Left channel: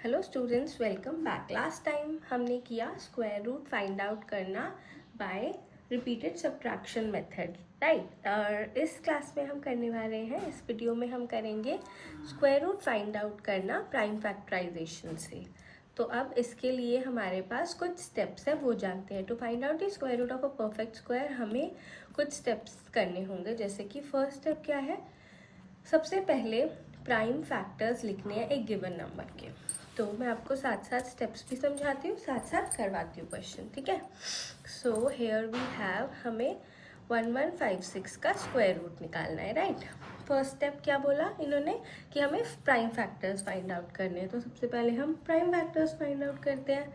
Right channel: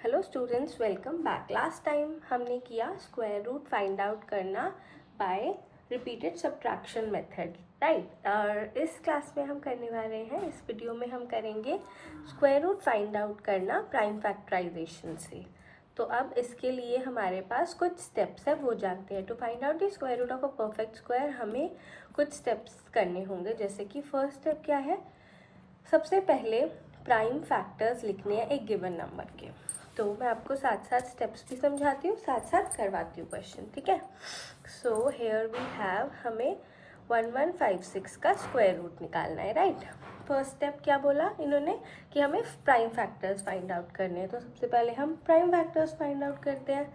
Hello students, welcome back. Last time हमने किया square root find out करना by repeated subtraction method, right. और इस क्लास में हम करने वाले हैं, इस वीडियो में हम करेंगे स्क्वायर रूट फाइंड आउट करना प्राइम फैक्टराइजेशन से। तो अब इसके लिए हमारे पास कुछ स्टेप्स हैं, वो जानते हैं। To find out the square root of a perfect square हमें कुछ स्टेप्स करने होंगे। जैसे कि फर्स्ट स्टेप क्या है, सबसे पहले प्राइम फैक्टर्स लिखने हैं एक गिवन नंबर के। तो मैं आपको साथ साथ स्टेप्स भी समझाती हूँ, साथ साथ करवाती हूँ क्वेश्चन, ठीक है। सो हेयर वी हैव, हमें 1156 का स्क्वायर रूट निकालना है, राइट। फर्स्ट स्टेप क्या बोला इन्होंने कि हमें प्राइम फैक्टर्स फाइंड आउट करने हैं। तो सबसे पहले हम प्राइम फैक्टर्स फाइंड आउट करते हैं।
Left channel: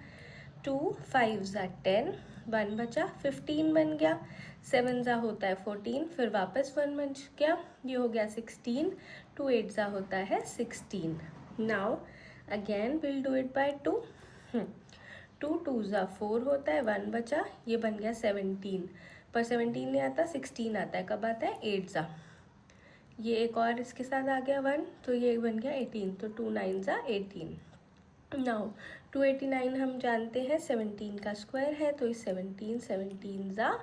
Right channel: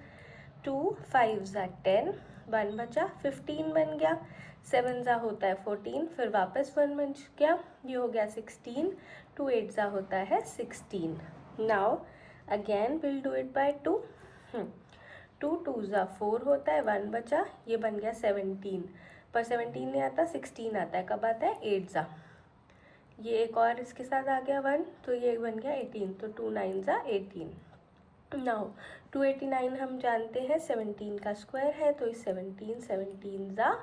2 5 ज़ा 10, 1 बचा, 15 बन गया, 7 ज़ा होता है 14, फिर वापस 1 बच गया, ये हो गया 16, 2 8 ज़ा होता है 16। Now again will do it by 2। 2 2 ज़ा 4 होता है, 1 बचा, ये बन गया 17, पर 17 नहीं आता, 16 आता है। कब आता है? 8 ज़ा, ये एक और इसके साथ आ गया 1, तो ये बन गया 18, तो 2 9 ज़ा 18। नाउ 289 हम जानते हैं 17 का स्क्वायर है, तो इस 17 17 ज़ा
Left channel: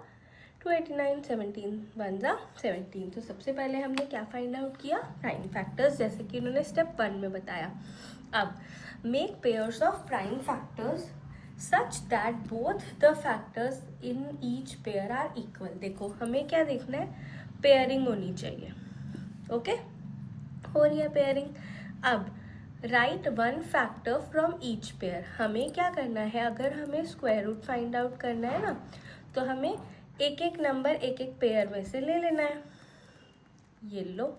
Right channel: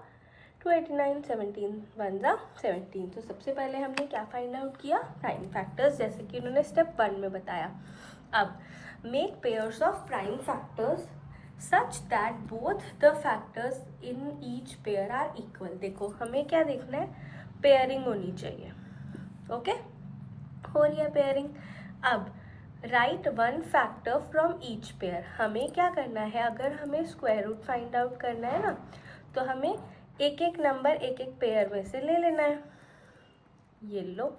289, 17 1 ज़ा 17। तो सबसे पहले हमने क्या फाइंड आउट किया? प्राइम फैक्टर्स, जैसे कि उन्होंने स्टेप 1 में बताया। अब make pairs of prime factors such that both the factors in each pair are equal. देखो हमें क्या देखना है, पेयरिंग होनी चाहिए, ओके। हो रही है पेयरिंग। अब right one factor from each pair, हमें क्या करना है, अगर हमें स्क्वायर रूट फाइंड आउट करना है ना, तो हमें एक एक नंबर एक एक पेयर में से ले लेना है। ये लो,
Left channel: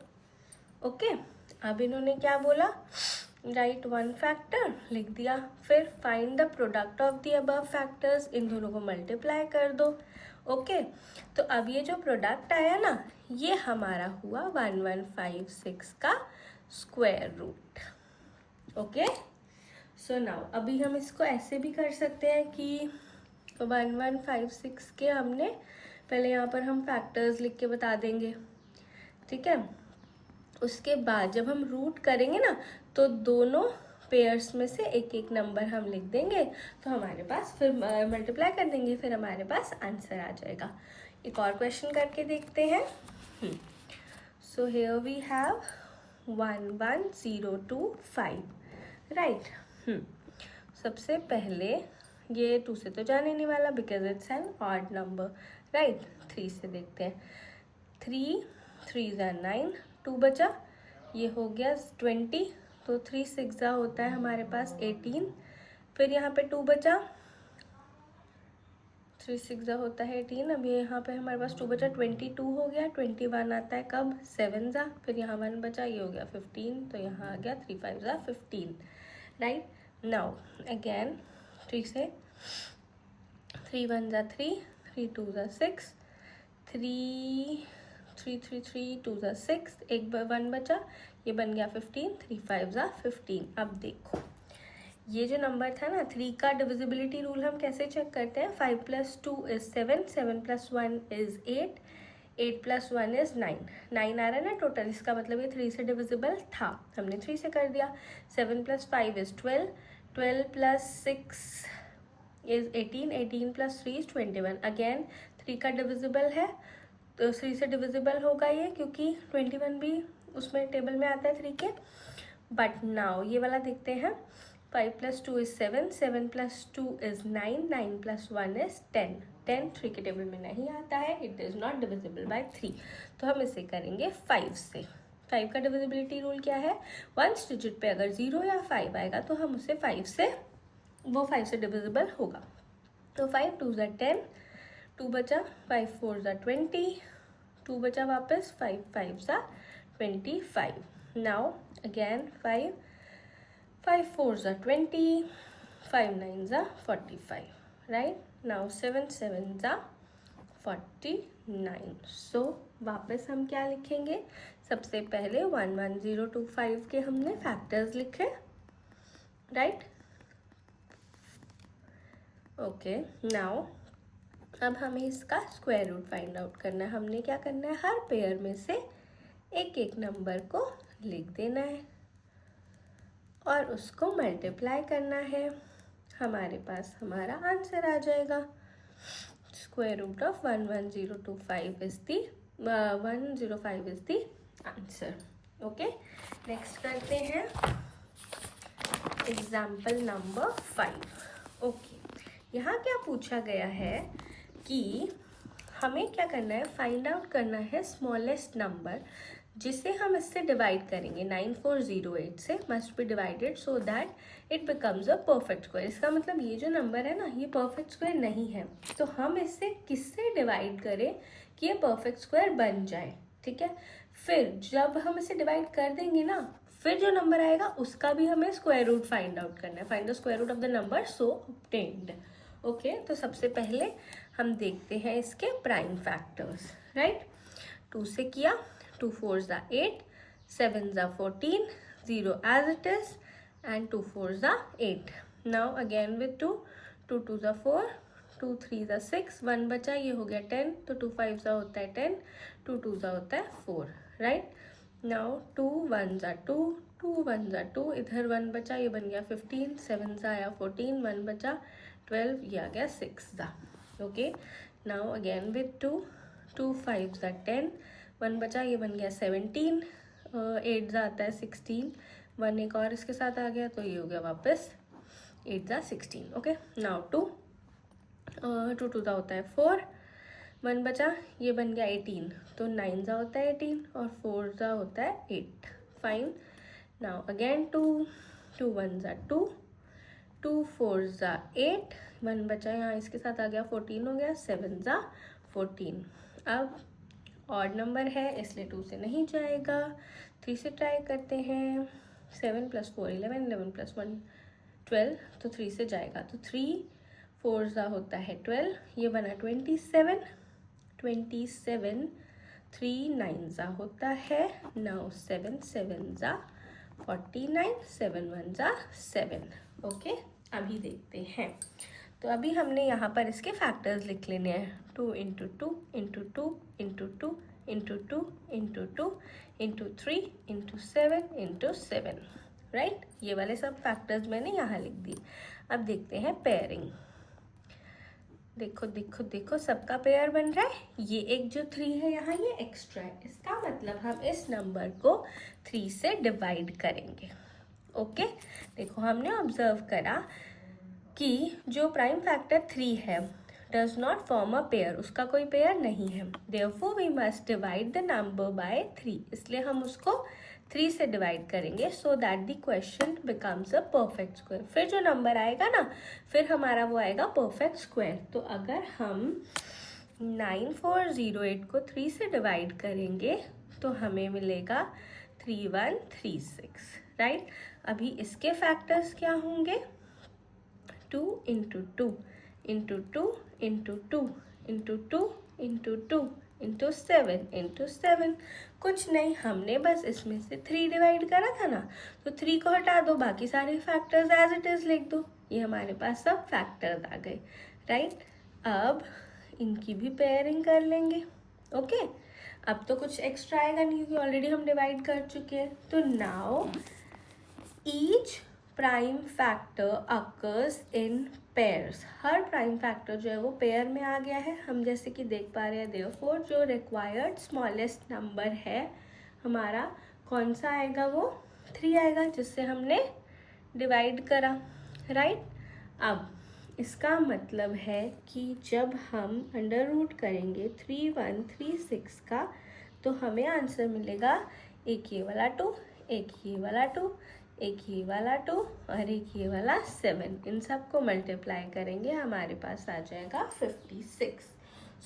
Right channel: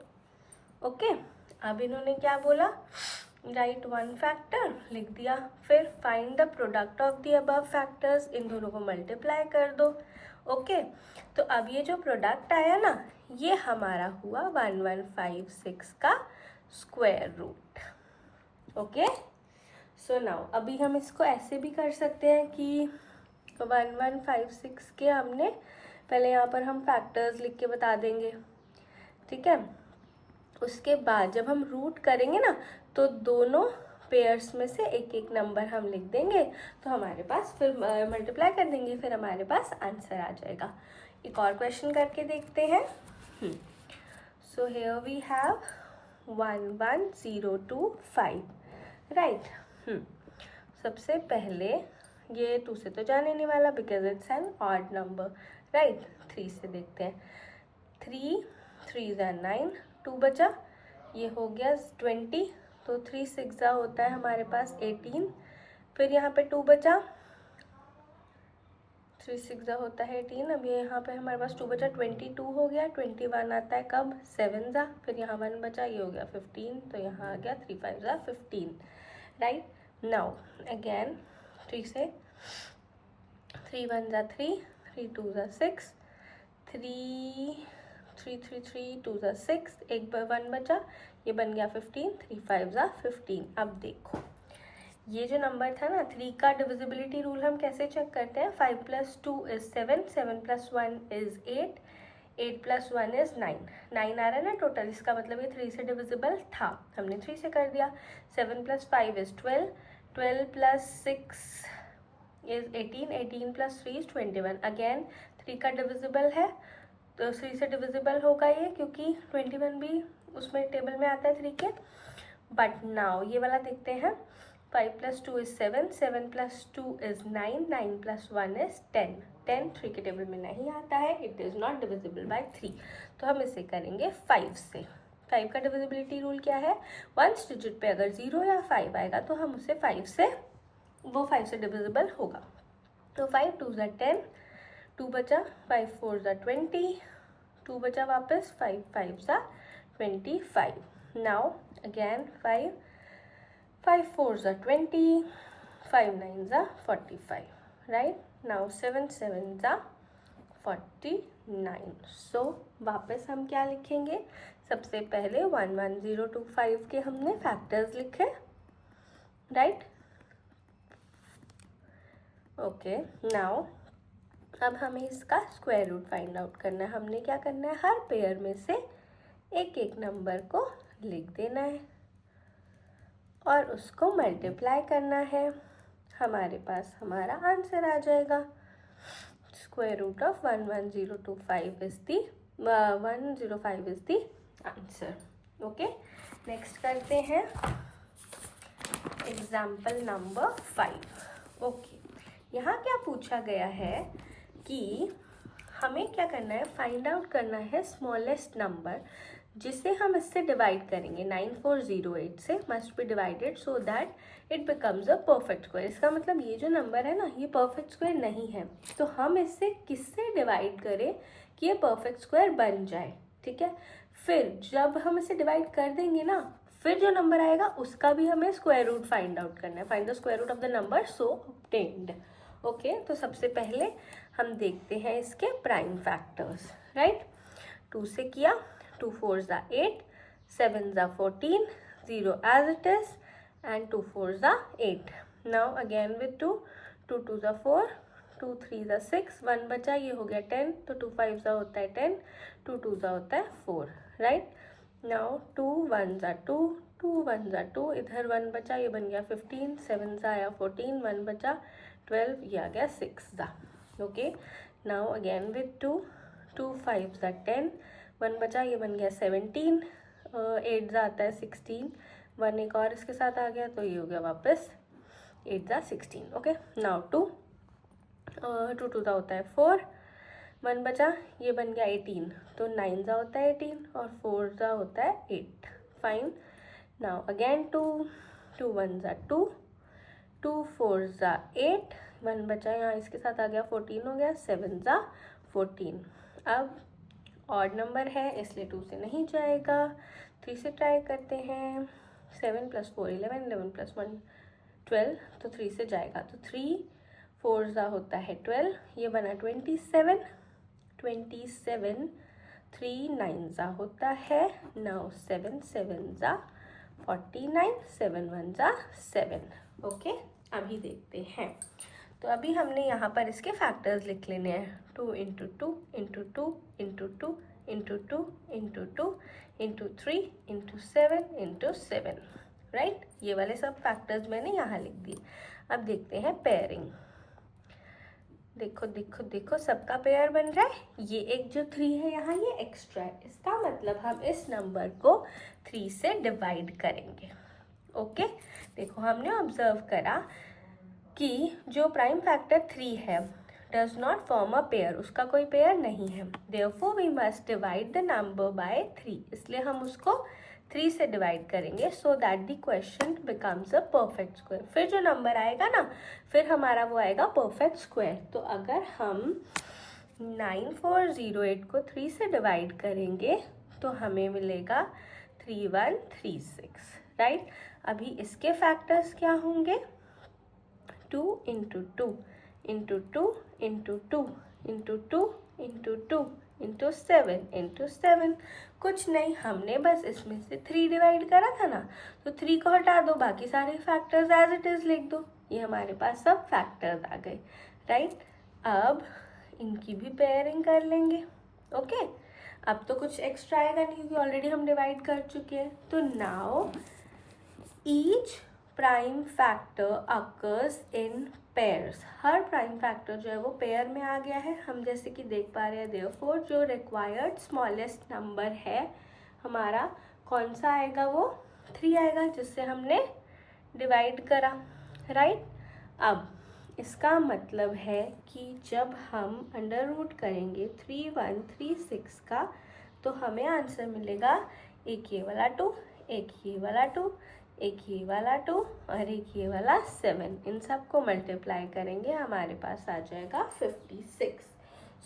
ओके। अब इन्होंने क्या बोला, राइट वन फैक्टर लिख दिया, फिर find the product of the above factors, इन दोनों को मल्टीप्लाई कर दो, ओके। तो अब ये जो प्रोडक्ट आया ना, ये हमारा हुआ 1156 का square root, okay. So now अभी हम इसको ऐसे भी कर सकते हैं कि 1156 के हमने पहले यहाँ पर हम फैक्टर्स लिख के बता देंगे, ठीक है। उसके बाद जब हम रूट करेंगे ना, तो दोनों पेयर्स में से एक एक नंबर हम लिख देंगे, तो हमारे पास फिर मल्टीप्लाई कर देंगे, फिर हमारे पास आंसर आ जाएगा। एक और क्वेश्चन करके देखते हैं। So here we have 11025, right. सबसे पहले ये 2 से तो जाने नहीं वाला, because it's an odd number, right. 3 से देखते हैं। 3 3 ज़ा 9, 2 बचा, ये हो गया 20, तो 3 6 ज़ा होता है हमारे पास 18, फिर यहाँ पे 2 बचा, 3 6 ज़ा होता है 18। अब ये यहाँ पे हमारे पास 2 बचा, 22 हो गया, 21 आता है कब? 7 ज़ा, फिर यहाँ 1 बचा, ये हो गया 15, तो यहाँ आ गया 3 5 ज़ा 15, राइट। नाउ अगेन 3 से, 3 1 ज़ा 3, 3 2 ज़ा 6, 3 3 3 3 2 ज़ा 6, एक 1 बचा, ये बन गया 15, 3 5 ज़ा 15। अब देखो ये जो नंबर था ना, 3 का डिविजिबिलिटी रूल हम कैसे चेक करते हैं? 5 + 2 = 7, 7 + 1 = 8, 8 + 1 = 9, 9 आ रहा है ना टोटल, इसका मतलब ये 3 से डिविजिबल था, हमने 3 से कर दिया। 7 + 5 = 12, 12 + 6 = 18, 18 + 3 = 21। अगेन 3 का डिविजिबल है, तो 3 से डिविजिबल होगा ये, क्योंकि 21 भी उसमें टेबल में आता है 3 के। बट नाउ ये वाला देखते हैं। 5 + 2 = 7, 7 + 2 = 9, 9 + 1 = 10, 10 3 के टेबल में नहीं आता है, it is not divisible by 3। तो हम इसे करेंगे 5 से। 5 का डिविजिबिलिटी रूल क्या है? वंस डिजिट पे अगर 0 या 5 आएगा तो हम उसे 5 से, वो 5 से डिविजिबल होगा। तो 5 2 ज़ा 10, 2 बचा, 5 4 ज़ा 20, 2 बचा वापस, 5 5 ज़ा 25। नाउ अगेन 5 5 4 ज़ा 20, 5 9 ज़ा 45, राइट। नाउ 7 7 ज़ा 49। सो वापस हम क्या लिखेंगे? सबसे पहले 11025 के हमने फैक्टर्स लिखे, राइट, ओके। नाउ अब हमें इसका स्क्वायर रूट फाइंड आउट करना है। हमने क्या करना है, हर पेयर में से एक एक नंबर को लिख देना है, और उसको मल्टीप्लाई करना है। हमारे पास हमारा आंसर आ जाएगा। Square root of 11025 is the 105 is the answer. Okay, next करते हैं एग्जाम्पल नंबर 5। ओके, यहाँ क्या पूछा गया है कि हमें क्या करना है, फाइंड आउट करना है स्मॉलेस्ट नंबर जिसे हम इससे डिवाइड करेंगे। 9408 से must be divided so that it becomes a perfect square. इसका मतलब ये जो नंबर है ना, ये परफेक्ट स्क्वायर नहीं है, तो हम इससे किससे डिवाइड करें कि ये परफेक्ट स्क्वायर बन जाए। ठीक है, फिर जब हम इसे डिवाइड कर देंगे ना, फिर जो नंबर आएगा उसका भी हमें स्क्वायर रूट फाइंड आउट करना है। Find the square root of the number so obtained. Okay, तो सबसे पहले हम देखते हैं इसके प्राइम फैक्टर्स। राइट, 2 से किया, 2 4s are 8, 7s are 14, 0 as it is, and 2 4s are 8. Now again with 2, 2 2s are 4, 2 3s are 6, 1 बचा, ये हो गया 10, तो 2 5s होता है 10, 2 2s होता है 4. Right, now 2 1s are 2, 2 1s are 2, इधर 1 बचा, ये बन गया 15, 7s आया 14, 1 बचा 12, ये आ गया 6. Okay, now again with 2, 2 5s are 10, 1 बचा, ये बन गया 17, 8 आता है 16, 1 एक और इसके साथ आ गया, तो ये हो गया वापस 8 16. ओके, नाउ 2 2 2 होता है 4, 1 बचा, ये बन गया 18, तो 9 होता है 18 और 4 होता है 8. Fine, now again 2 2 1s are 2, 2 4s are 8, 1 बचा, यहाँ इसके साथ आ गया 14 हो गया, 7s are 14. अब ऑड नंबर है इसलिए 2 से नहीं जाएगा, 3 से ट्राई करते हैं. 7 + 4 11, 11 + 1 12, तो 3 से जाएगा, तो 3 4 होता है 12, ये बना 27, 27, 3 9 होता है 9, 7 7 49, 7 1 7. ओके, अभी देखते हैं. तो अभी हमने यहाँ पर इसके फैक्टर्स लिख लेने हैं. 2 × 2 × 2 × 2 × 2 × 2 × 3 × 7 × 7. राइट, ये वाले सब फैक्टर्स मैंने यहाँ लिख दिए. अब देखते हैं पेयरिंग. देखो देखो देखो, सबका पेयर बन रहा है. ये एक जो 3 है यहाँ, ये एक्स्ट्रा है. इसका मतलब हम इस नंबर को 3 से डिवाइड करेंगे. ओके, देखो हमने ऑब्जर्व करा कि जो प्राइम फैक्टर 3 है does not form a pair, उसका कोई पेयर नहीं है. Therefore we must divide the number by 3, इसलिए हम उसको 3 से डिवाइड करेंगे so that the question becomes a perfect square. फिर जो नंबर आएगा ना, फिर हमारा वो आएगा परफेक्ट स्क्वायर. तो अगर हम 9408 को 3 से डिवाइड करेंगे तो हमें मिलेगा 3136. राइट, अभी इसके फैक्टर्स क्या होंगे? 2 × 2 × 2 × 2 × 2 × 2 × 7 × 7. कुछ नहीं, हमने बस इसमें से 3 डिवाइड करा था ना, तो 3 को हटा दो, बाकी सारे फैक्टर्स एज इट इज लिख दो. ये हमारे पास सब फैक्टर्स आ गए. राइट, अब इनकी भी पेयरिंग कर लेंगे. ओके, अब तो कुछ एक्स्ट्रा आएगा नहीं क्योंकि ऑलरेडी हम डिवाइड कर चुके हैं. तो now each prime factor occurs in pairs. Her prime factor जो है वो पेयर में आ गया है. हम जैसे कि देख पा रहे हैं, देयरफॉर जो रिक्वायर्ड स्मॉलेस्ट नंबर है हमारा कौन सा आएगा? वो 3 आएगा जिससे हमने डिवाइड करा. राइट, अब इसका मतलब है कि जब हम अंडर रूट करेंगे 3136 का, तो हमें आंसर मिलेगा एक ये वाला 2, एक ये वाला 2, एक ये वाला 2 और एक ये वाला 7. इन सब को मल्टीप्लाई करेंगे, हमारे पास आ जाएगा 56.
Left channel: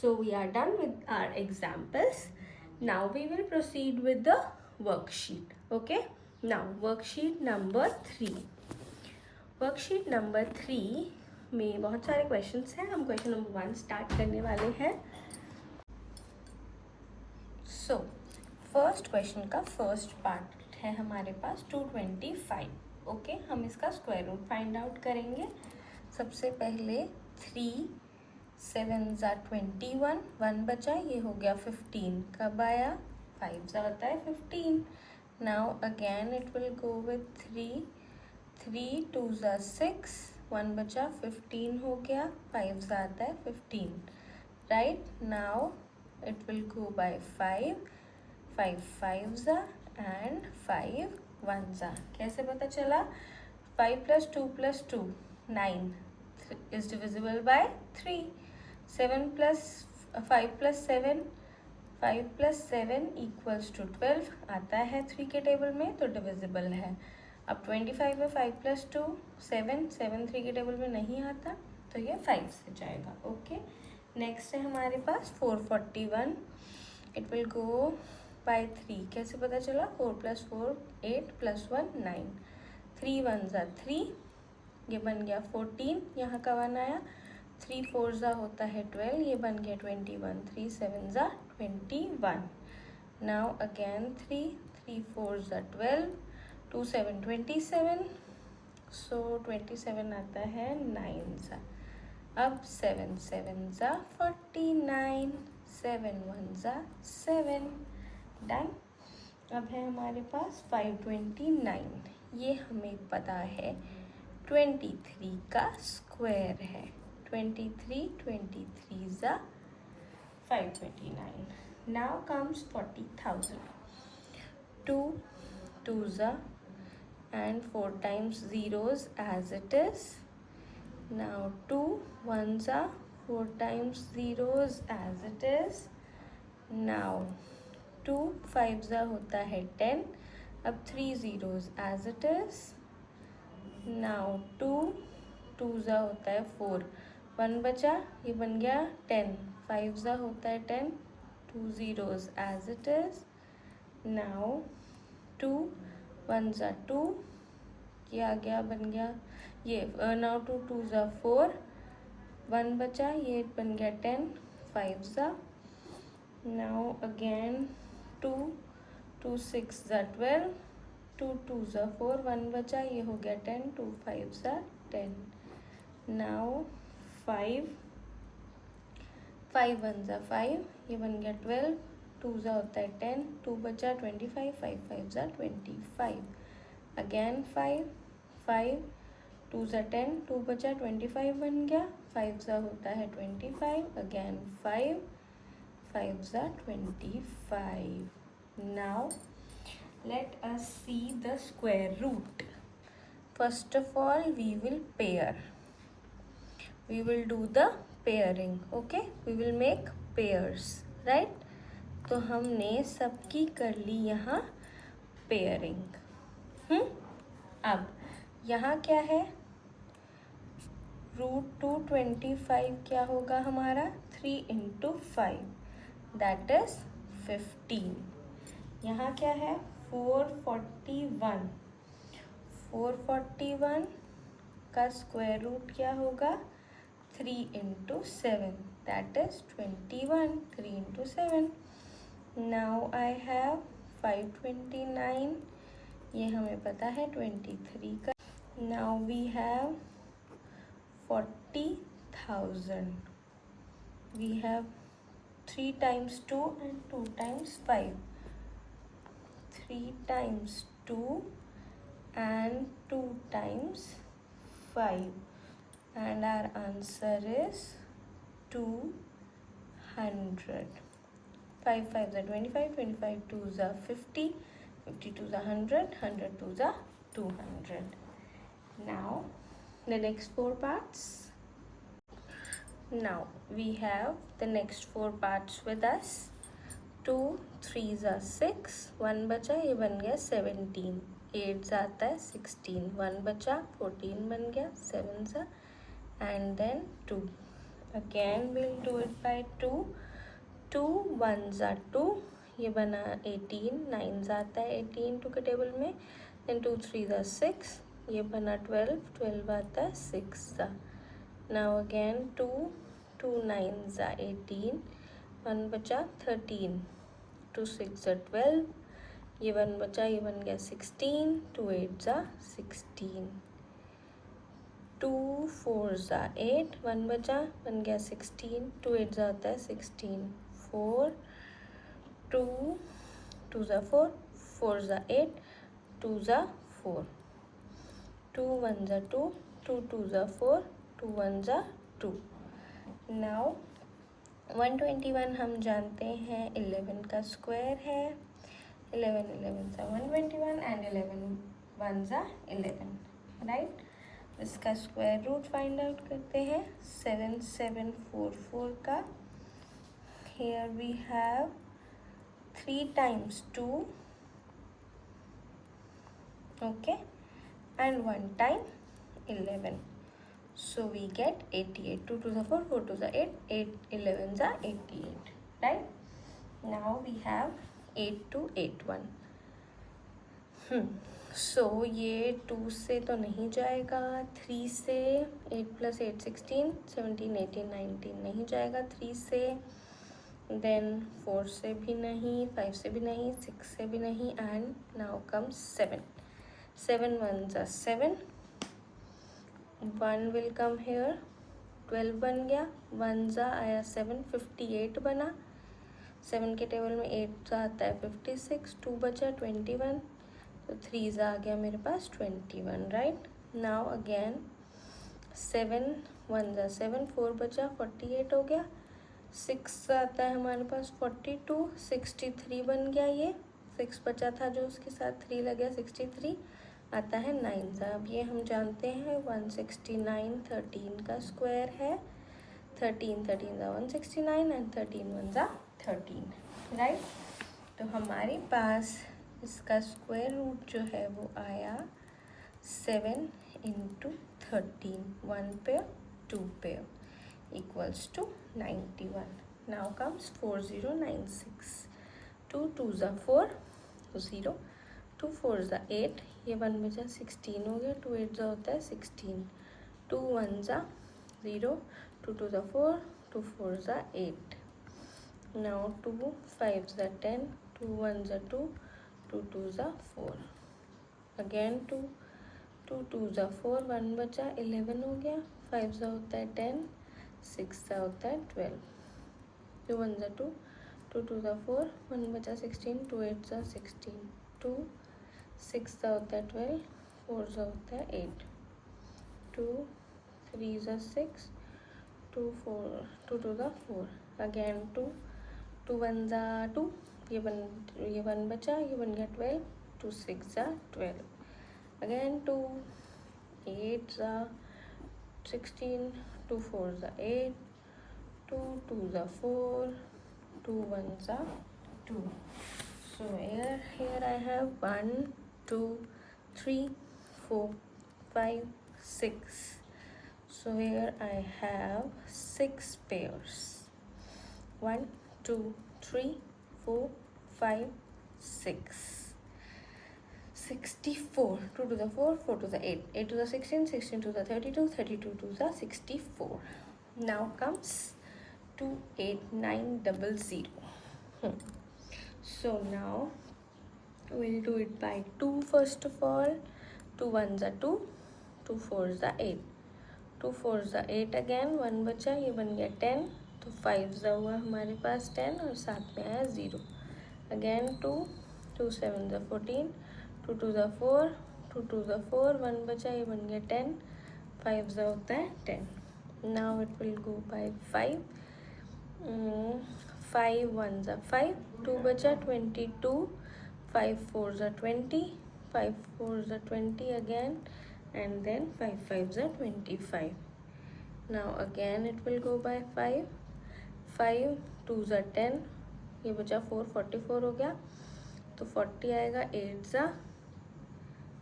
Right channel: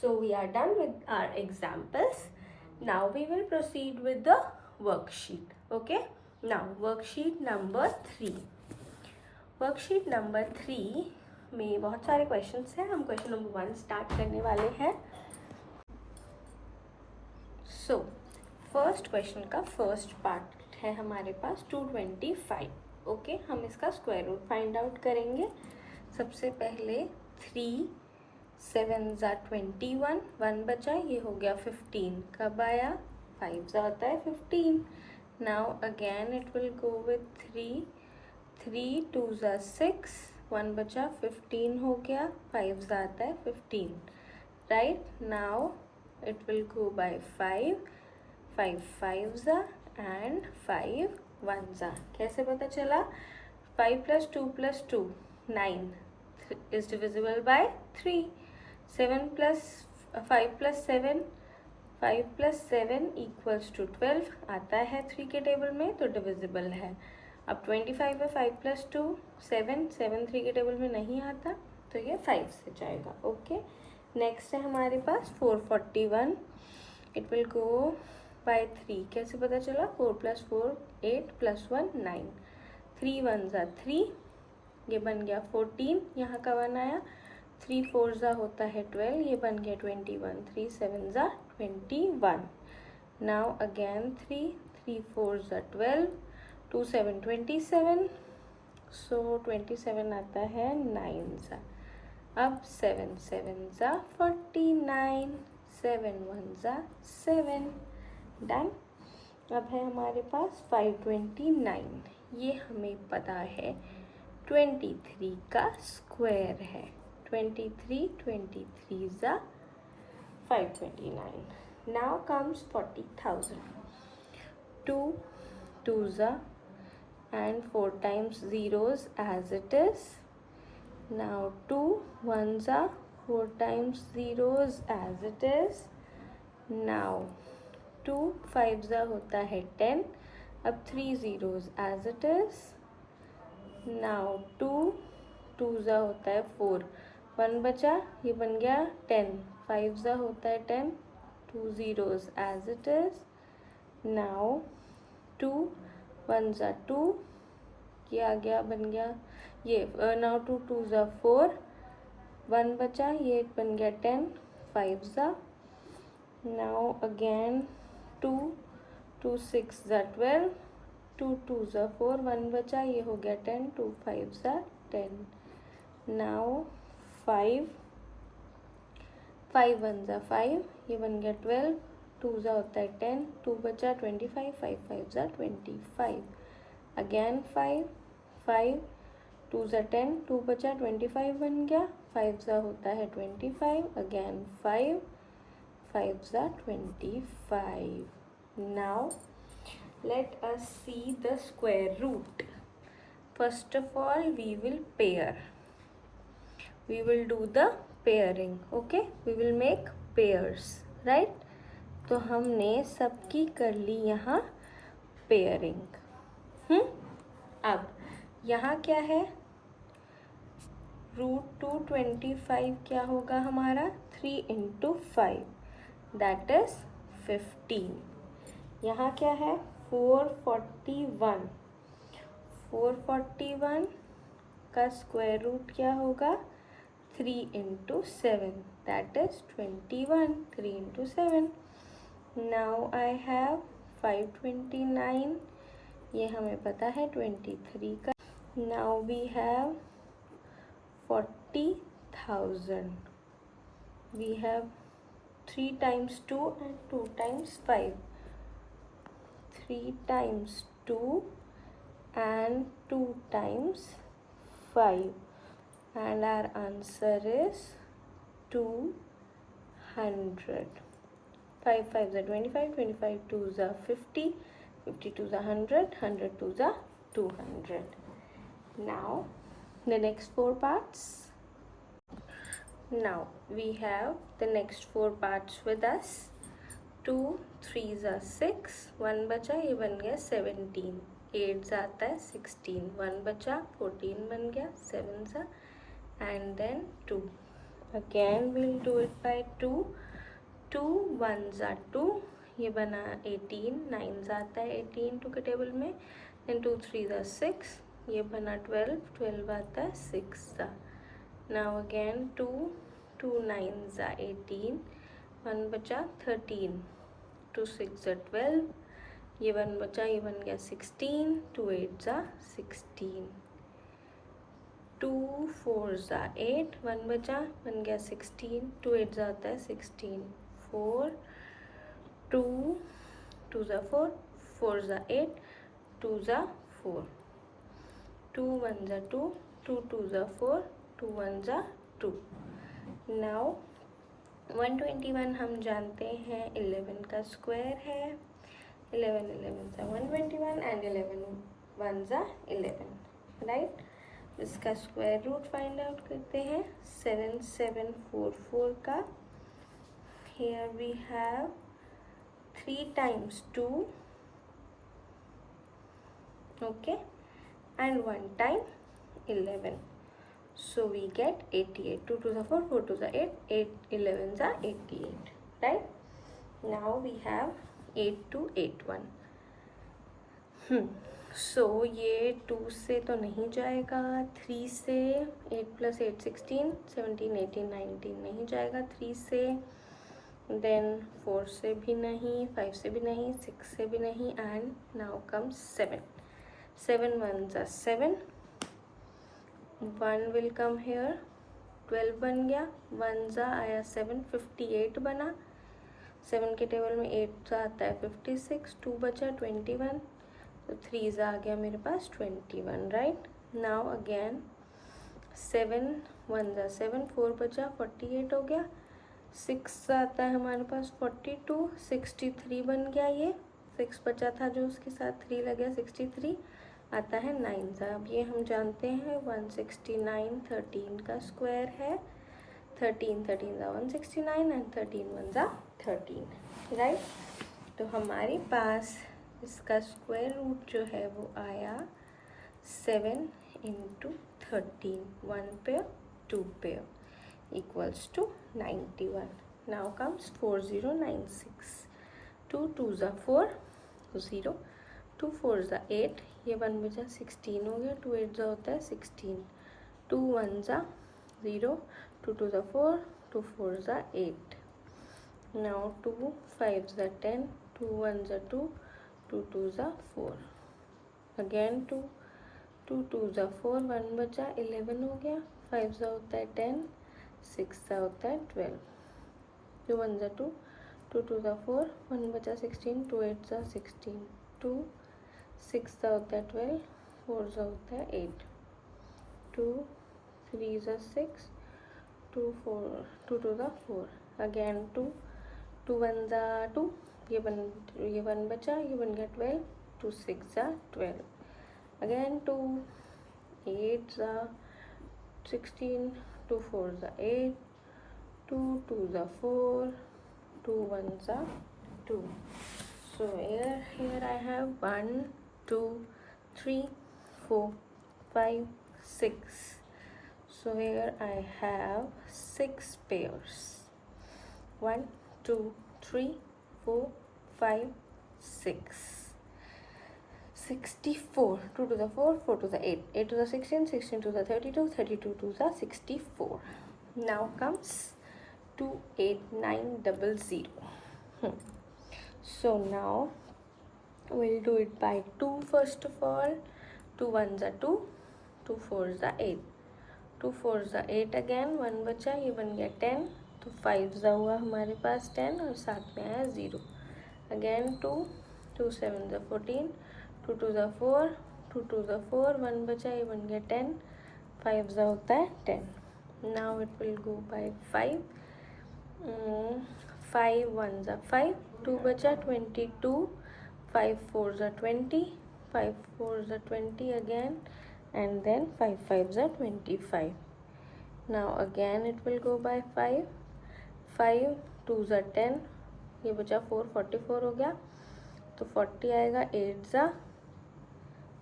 So we are done with our examples. Now we will proceed with the worksheet. Okay, now worksheet number 3. Worksheet number 3 में बहुत सारे क्वेश्चंस हैं. हम क्वेश्चन नंबर 1 स्टार्ट करने वाले हैं. सो फर्स्ट क्वेश्चन का फर्स्ट पार्ट है हमारे पास 225. ओके, हम इसका स्क्वायर रूट फाइंड आउट करेंगे. सबसे पहले 3 7 21, 1 बचा, ये हो गया 15. कब आया? 5 होता है 15. Now again it will go with 3 3 2 ज़ा 6, 1 बचा, 15 हो गया, 5 ज़ा आता है 15, right. Now it will go by 5, 5 5 ज़ा एंड 5 1 ज़ा. कैसे पता चला? 5 + 2 + 2 9 is divisible by 3. 7 plus 5 + 7, 5 + 7 = 12 आता है 3 के टेबल में, तो डिविजिबल है. अब 25 है, 5 + 2 7, 7 3 के टेबल में नहीं आता, तो ये 5 से जाएगा. ओके. नेक्स्ट है हमारे पास 441. It will go by 3. कैसे पता चला? 4 + 4 8 + 1 9, 3 1 ज़ा 3, ये बन गया 14, यहाँ का 1 आया. 3 4 ज़ा होता है 12, ये बन गया 21. 3 7 ज़ा 21. नाउ अगेन 3 3 4 ज़ा 12, 2 7 27, सो 27 आता है 9 ज़ा. अब 7 7 ज़ा 49, 7 1 ज़ा 7. डन. अब है हमारे पास 529. ये हमें पता है 23 का स्क्वायर है. 23 23 ज़ा 529. Now comes 40,000. 2 2 ज़ा and 4 times zeros as it is. Now 2 1 ज़ा 4 times zeros as it is. Now 2 5 ज़ा होता है 10. अब 3 zeros as it is. Now 2 2 ज़ा होता है 4, 1 बचा, ये बन गया 10. 5 ज़ा होता है 10, 2 zeros as it is. Now 2 1 ज़ा 2, ये आ गया, बन गया ये. नाउ 2 2 ज़ा 4, 1 बचा, ये बन गया 10. 5 ज़ा. नाउ अगेन 2 2 6 ज़ा 12, 2 2 ज़ा 4, 1 बचा, ये हो गया 10. 2 5 ज़ा 10. नाउ 5 5 1 ज़ा 5, ये बन गया 12. 2 ज़ा होता है 10, 2 बचा 25, 5 5 ज़ा 25. अगेन 5 5 2 ज़ा 10, 2 बचा 25 बन गया. 5 ज़ा होता है 25. अगेन 5 5 ज़ा 25. Now let us see the square root. First of all we will pair. We will do the pairing. Okay, we will make pairs, right? तो हमने सबकी कर ली यहाँ पेयरिंग. अब यहाँ क्या है? √225 क्या होगा हमारा? 3 × 5, दैट इज 15. यहाँ क्या है? 441. 441 का स्क्वायर रूट क्या होगा? 3 × 7, that is 21. 3 × 7. Now I have 529. ये हमें पता है 23 का. Now we have 40,000. We have 3 times 2 and 2 times 5. 3 times 2 and 2 times 5. And our answer is 200. 5 5 ज़ा 25, 25 2 ज़ा 50, 50 2 ज़ा 100, 100 2 ज़ा 200. Now the next 4 parts. Now we have the next 4 parts with us. 2 3 ज़ा 6, 1 बचा, ये बन गया 17. 8 ज़ा आता है 16, 1 बचा, 14 बन गया, 7 ज़ा, and then 2. Again we'll do it by 2. 2 1 ज़ा 2, ये बना 18. 9 ज़ा आता है 18 2 के टेबल में. then 2 3 ज़ा 6, ये बना 12. 12 आता है 6 ज़ा. now again 2 2 9 ज़ा 18, 1 बचा 13. 2 6 ज़ा 12, ये 1 बचा, ये बन गया 16. 2 8 ज़ा 16. 2 4 ज़ा 8, 1 बचा, बन गया 16. 2 8 ज़ा आता है 16. 4 2 2 ज़ा 4, 4 ज़ा 8, 2 ज़ा 4. 2 1 जा 2, 2 2 जा 4, 2 1 जा 2। नाउ 121 हम जानते हैं 11 का स्क्वायर है। 11 11 जा 121 एंड 11 1 जा 11, राइट। इसका स्क्वायर रूट फाइंड आउट करते हैं 7744 का। Here we have 3 times 2, okay, and 1 time 11, so we get 88. 2 to the 4, 4 to the 8, 8 11 are 88, right? Now we have 8 to 8 1. So ये 2 से तो नहीं जाएगा, 3 से 8 + 8 16, 17 18 19 नहीं जाएगा 3 से, देन 4 से भी नहीं, 5 से भी नहीं, 6 से भी नहीं, एंड नाउ कम्स 7। 7 1 जा 7, 1 विल कम हेयर, 12 बन गया, 1 जा आया 7, 58 बना। 7 के टेबल में 8 जा आता है 56, 2 बचा 21, तो 3 जा आ गया मेरे पास 21, राइट। नाउ अगेन 7 1 जा 7, 4 बचा 48 हो गया, 6 आता है हमारे पास 42, 63 बन गया, ये 6 बचा था जो उसके साथ 3 लग गया, 63 आता है 9 सा। अब ये हम जानते हैं 169 13 का स्क्वायर है। 13 13 जा 169 एंड 13 1 जा 13, राइट। तो हमारे पास इसका स्क्वायर रूट जो है वो आया 7 × 13, 1 pair 2 pair equals to 91. Now comes 4096. 2 2 जा 4, 0, 2 4 जा 8, ये 1 बचा 16 हो गया, 2 8 जा होता है 16, 2 1 जा 0, 2 2 जा 4, 2 4 जा 8। Now 2 5 जा 10, 2 1 जा 2, 2 2 जा 4, अगेन 2 2 2 जा 4, 1 बचा 11 हो गया, 5 जा होता है 10, 6 जा होता है 12, 2 1 जा 2, 2 2 जा 4, 1 बचा 16, 2 8 जा 16, 2 6 जा होता है 12, 4 जा होता है 8, 2 3 जा 6, 2 4 2 2 जा 4, अगेन 2 2 1 जा 2, ये 1 बचा, ये बन गया 12, 2 6 जा 12, अगेन 2 8 जा 16, 2 4 जा 8, 2 2 जा 4, 2 1 जा 2. So here I have 1 2 3 4 5 6. So here I have 6 pairs. 1 2 3 4 5 6. 64. 2 to the 4, 4 to the 8, 8 to the 16, 16 to the 32, 32 to the 64. Now comes 28900. So now we'll do it by 2 first of all. 2 1 जा 2, 2 4 जा 8, 2 4 जा 8, again 1 बचा, ये बन गया 10, तो 5 जा हुआ हमारे पास 10 और साथ में आया 0, अगेन 2 2 7 जा 14, 2 2 जा 4, 2 2 जा 4, 1 बचा, ये बन गया 10, 5 जा होता है 10. Now it will go by 5. 5 1 जा 5, 2 बचा 22, 5 4 जा 20, 5 4 जा 20 again, and then 5 5 जा 25. Now again it will go by 5. 5 2 जा 10, ये बचा 4, 44 हो गया, तो 40 आएगा, 8 जा,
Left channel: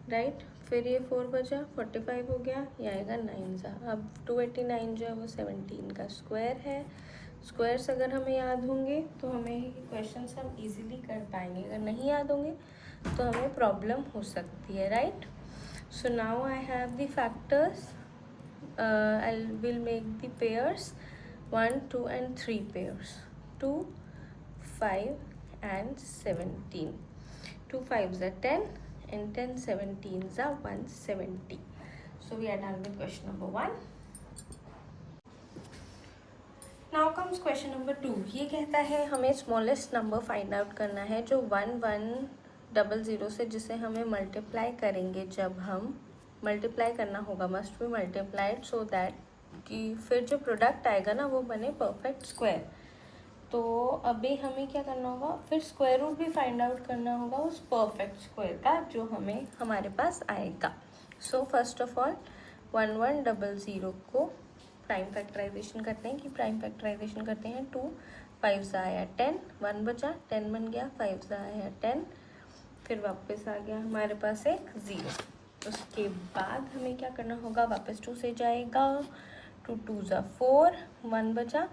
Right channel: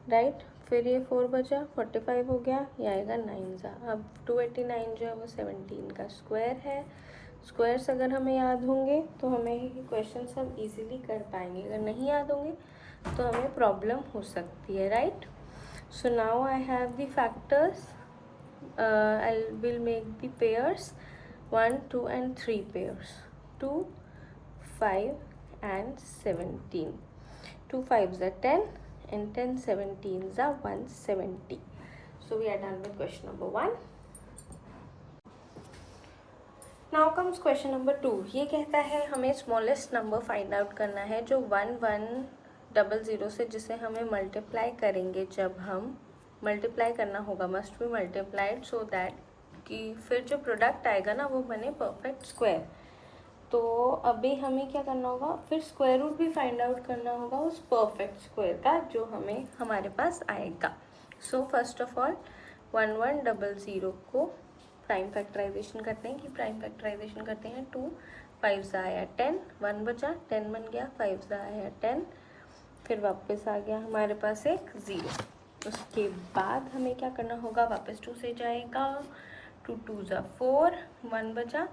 राइट, फिर ये 4 बचा, 45 हो गया, ये आएगा 9 जा. अब 289 जो है वो 17 का स्क्वायर है. स्क्वायर्स अगर हमें याद होंगे तो हमें क्वेश्चंस हम इजीली कर पाएंगे, अगर नहीं याद होंगे तो हमें प्रॉब्लम हो सकती है, right. So now I have the factors, I will make the pairs 1 2 and 3 pairs, 2 5 and 17. 2 5s are 10 and 10 17s are 170. So we are done with question number 1. Now comes question number 2. ये कहता है हमें smallest number find out करना है जो 1100 से, जिसे हमें मल्टीप्लाई करेंगे जब हम मल्टीप्लाई करना होगा, must be multiplied so that कि फिर जो प्रोडक्ट आएगा ना वो बने परफेक्ट स्क्वायर। तो अभी हमें क्या करना होगा, फिर स्क्वायर रूट भी फाइंड आउट करना होगा उस परफेक्ट स्क्वायर का जो हमें हमारे पास आएगा। सो फर्स्ट ऑफ ऑल 1100 को प्राइम फैक्टराइजेशन करते हैं कि प्राइम फैक्टराइजेशन करते हैं 2 5 आया 10, 1 बचा 10 बन गया, 5 आया 10, फिर वापस आ गया हमारे पास एक 0। उसके बाद हमें क्या करना होगा, वापस 2 से जाएगा, 2 2 4, 1 बचा,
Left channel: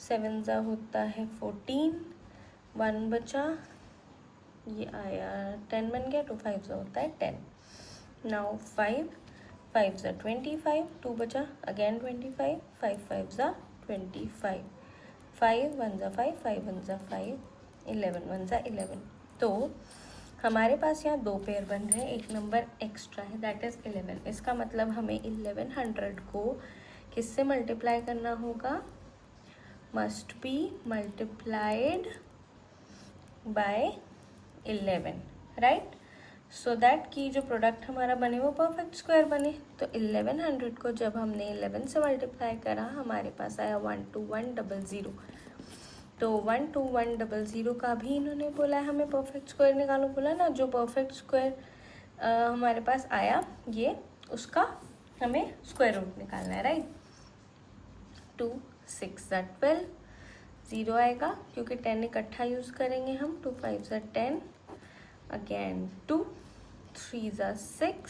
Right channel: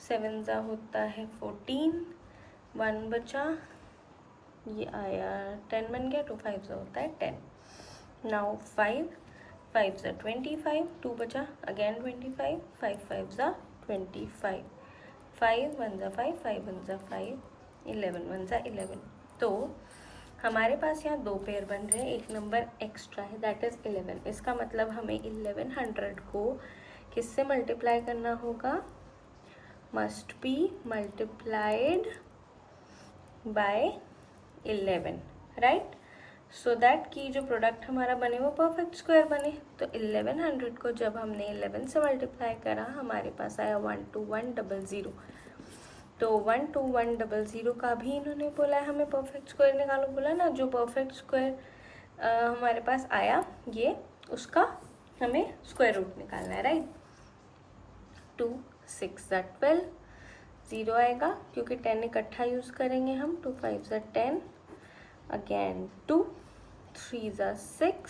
7 जा होता है 14, 1 बचा, ये आया 10 बन गया, 2 5 जा होता है 10। नाउ 5 5 जा 25, 2 बचा अगेन 25, 5 5 जा 25, 5 1 जा 5, 5 1 जा 5, 11 1 जा 11। तो हमारे पास यहाँ 2 पेयर बन रहे हैं, एक नंबर एक्स्ट्रा है दैट इज़ 11। इसका मतलब हमें 1100 को किससे मल्टीप्लाई करना होगा, must be multiplied by 11, right, so that कि जो प्रोडक्ट हमारा बने वो परफेक्ट स्क्वायर बने। तो 1100 को जब हमने 11 से मल्टीप्लाई करा हमारे पास आया 12100। तो 12100 का भी इन्होंने बोला है हमें परफेक्ट स्क्वायर निकालो, बोला ना, जो परफेक्ट स्क्वायर हमारे पास आया ये उसका हमें स्क्वायर रूट निकालना है, राइट। 2 6 12, 0 आएगा क्योंकि 10 इकट्ठा यूज़ करेंगे हम, 2 5 10, अगेन 2 3 6,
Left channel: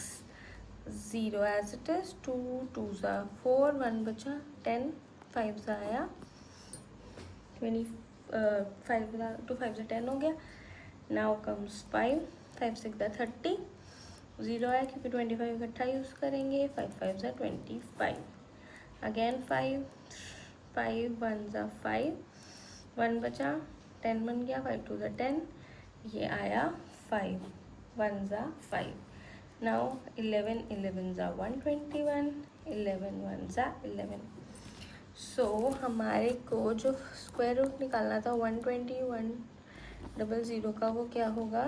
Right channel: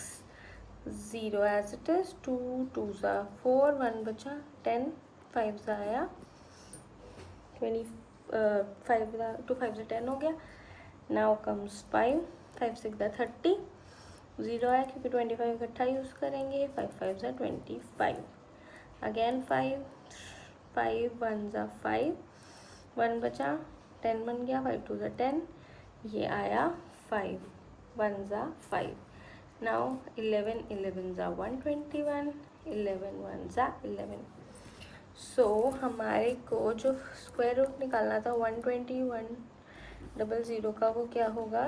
0 एज इट इज, 2 2 4, 1 बचा 10, 5 आया 25, 2 5 10 हो गया। नाउ कम्स 5 5 6 30, 0 आया क्योंकि 25 इकट्ठा यूज़ करेंगे, 5 5 25, अगेन 5 5 1 5, 1 बचा 10 बन गया, 5 2 10, ये आया 5 1 5। नाउ 11 11 121, 11 1 11। सो हमारे को जो स्क्वायर रूट निकालना था 12100 का, वो क्या होगा,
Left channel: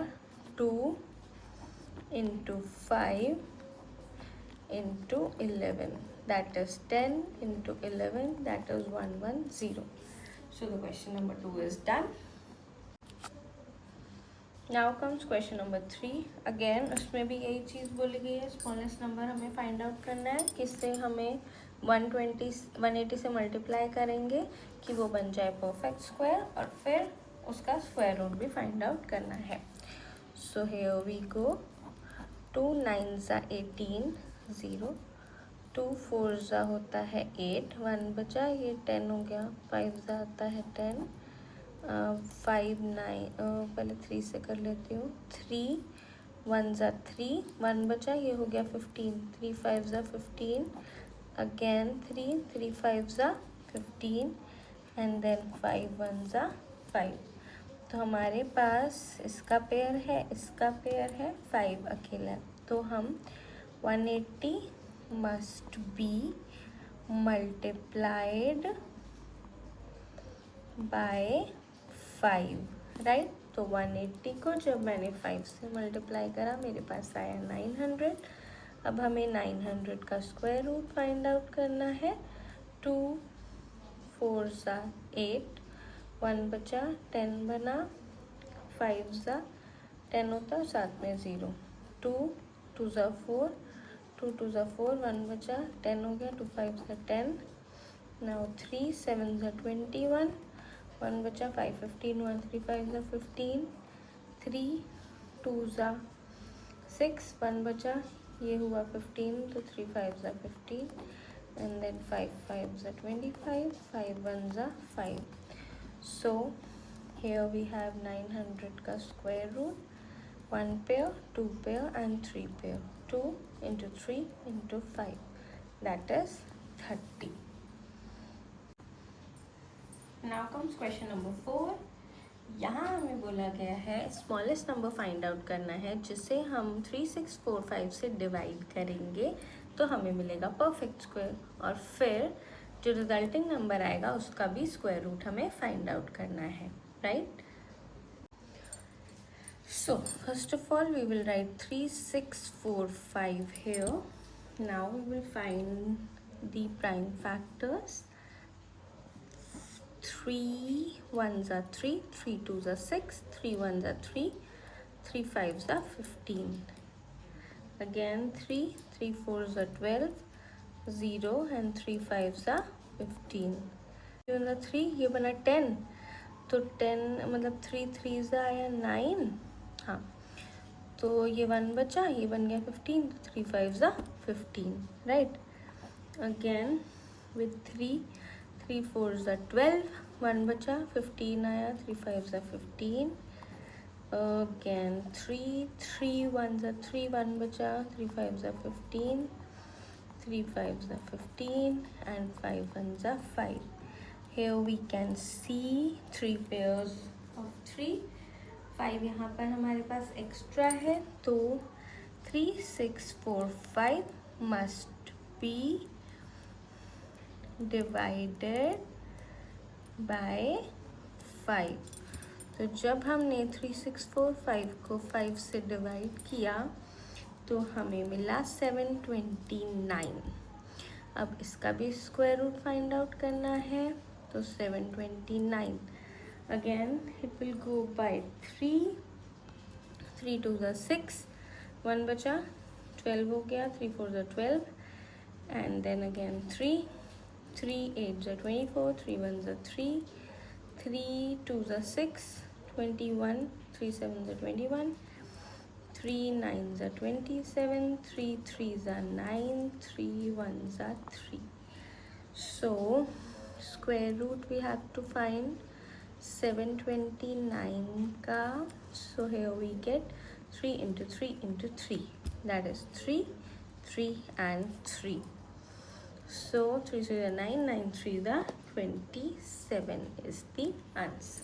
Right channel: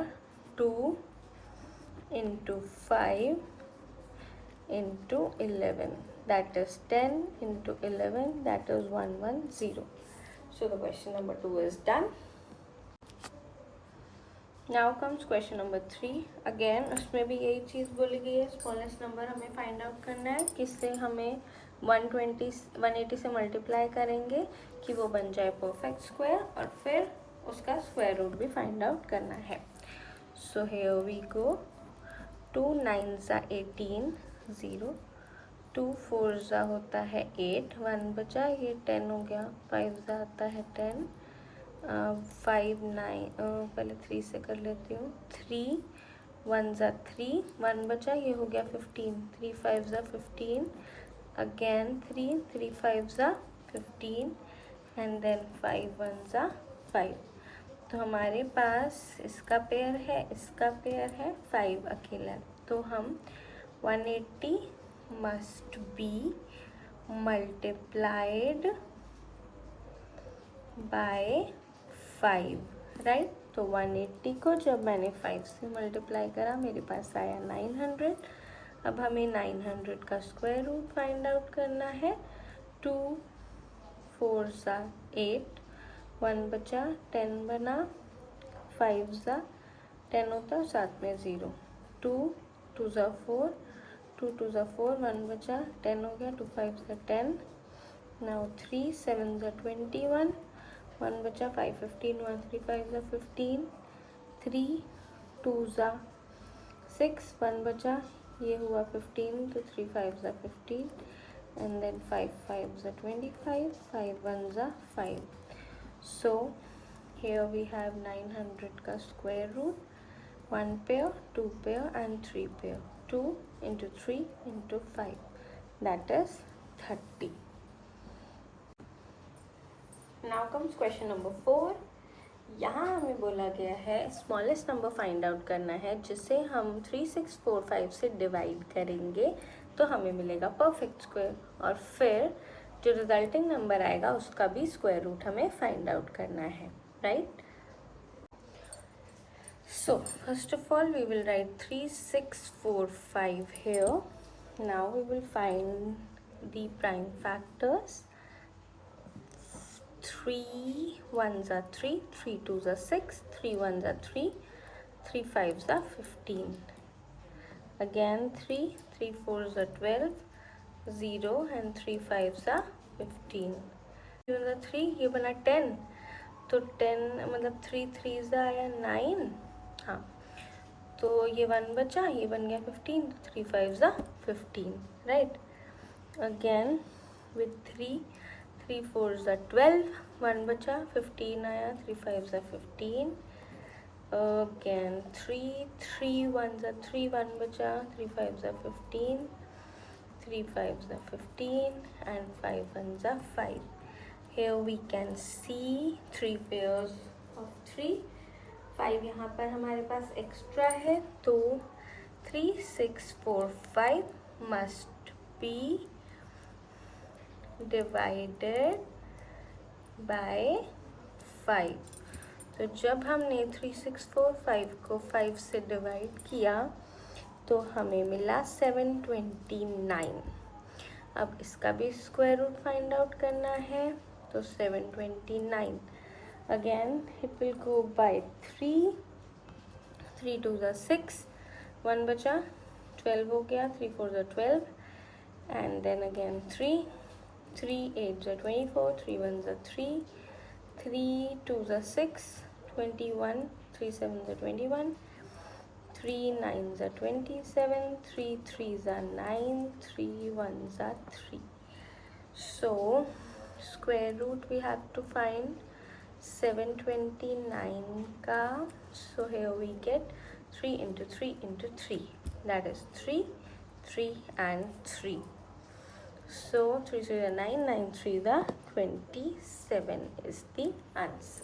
2 × 5 × 11, that is 10 × 11, that is 110. So the question number 2 is done. Now comes question number 3. Again उसमें भी यही चीज़ बोली गई है, स्मॉलेस्ट नंबर हमें फाइंड आउट करना है, किससे हमें 180 से मल्टीप्लाई करेंगे कि वो बन जाए परफेक्ट स्क्वायर, और फिर उसका स्क्वायर रूट भी फाइंड आउट करना है। सो हियर वी गो, 2 9 18, 0, 2 4 होता है 8, 1 बचा, ये 10 हो गया, 5 आता है 10, 5 9, पहले 3 से कर लेती हूँ, 3 1 3, 1 बचा, ये हो गया 15, 3 5 15, अगेन 3 3 5 15, एंड देन 5 1 5। तो हमारे पास इसका पेयर है, इसका पेयर है, 5 अकेला, तो हम 180 must be multiplied by 5, right. तो 180 को जब मैंने 5 से मल्टीप्लाई करा मेरे पास आया 900। अब हमें 900 का स्क्वायर रूट फाइंड आउट करना है। 2 4 8, 1 बचा, 10 बना, 5 10 होता, साथ में 0, 2 2 4, 2 2 4, 1 बचा, 10 हो गया, 2 5 10, नाउ 3 7 21, 1 बचा, 5 15, 1 3 5 15, 3 2 6, 1 बचा, ये हुआ 15, तो 3 5 15, and then 5 5 25, 5 1 5। So here we have 900 का square root, 1 pair, 2 pair and 3 pair, 2 into 3 into 5, that is 30. Now comes question number 4. यहाँ हमें बोला गया है स्मॉलेस्ट नंबर फाइंड आउट करना है जिसे हम 3645 से डिवाइड करेंगे तो हमें मिलेगा परफेक्ट स्क्वायर, और फिर जो रिजल्टिंग नंबर आएगा उसका भी स्क्वायर रूट हमें फाइंड आउट करना है, right. So first of all we will write 3, 6, 4, 5 here. Now we will find the prime factors. 3 1s are 3, 3 2s are 6, 3 1s are 3, 3 5s are 15. Again 3, 3 4s are 12, 0 and 3 5s are 15. 3 ये बना 10, तो 10 मतलब 3 3s आया 9. हाँ, तो ये 1 बचा, ये बन गया 15, 3 5s are 15, right. Again with 3 3 4s are 12, 1 बचा, 15 आया, 3 5s are 15. Again 3 3 1s are 3, 1 बचा, 3 5s are 15, 3 5s are 15 and 5 1s are 5. Here we can see 3 pairs of 3. 5 यहाँ पर हमारे पास एक्स्ट्रा है, तो 3 6 4 5 must be divided by 5. तो जब हमने 3 6 4 5 को 5 से डिवाइड किया तो हमें मिला 729. अब इसका भी स्क्वायर रूट फाइंड आउट करना है, तो 729 again it will go by 3, 3 2s are 6, 1 बचा, 12 हो गया, 3 4s are 12 and then again 3 3 8s are 24, 3 1s are 3, 3 2s are 6, 21, 3 7s are 21, 3 9s are 27, 3 3s are 9, 3 1s are 3. So square root we have to find 729 ka. So here we get 3 into 3 into 3, that is 3 3 and 3. So 3 3 are 9, 9 3 the 27 is the answer.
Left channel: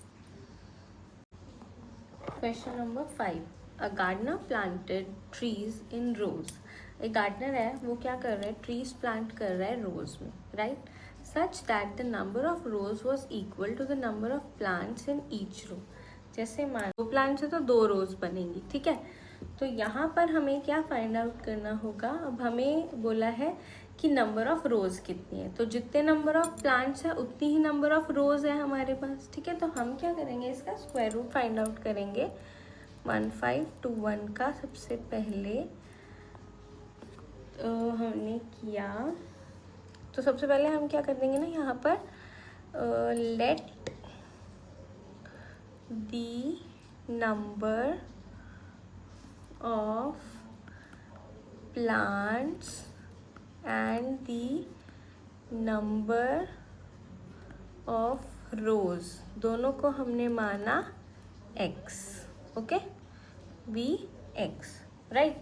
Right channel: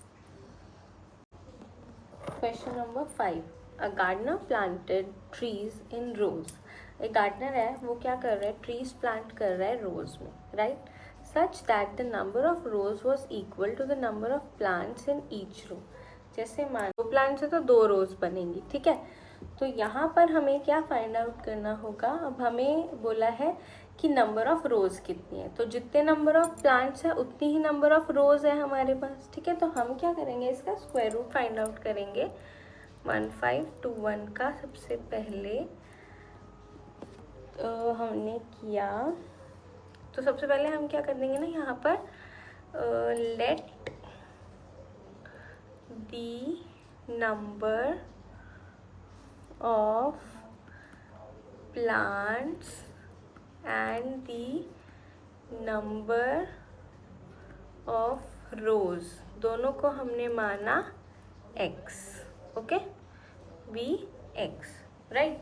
Question number 5. A gardener planted trees in rows. एक gardener है, वो क्या कर रहा है, trees plant कर रहा है रोज में, right, such that the number of rows was equal to the number of plants in each row. जैसे मान 2 प्लांट्स है तो 2 रोज बनेंगी, ठीक है. तो यहाँ पर हमें क्या फाइंड आउट करना होगा. अब हमें बोला है कि नंबर ऑफ रोज कितनी है, तो जितने नंबर ऑफ प्लांट्स है उतनी ही नंबर ऑफ रोज है हमारे पास, ठीक है. तो हम क्या करेंगे, इसका स्क्वायर रूट फाइंड आउट करेंगे. 1521 का सबसे पहले हमने किया, तो सबसे पहले हम क्या कर देंगे ना, यहाँ पर let the number of plants and the number of rows दोनों को हमने माना x, okay, we x, right.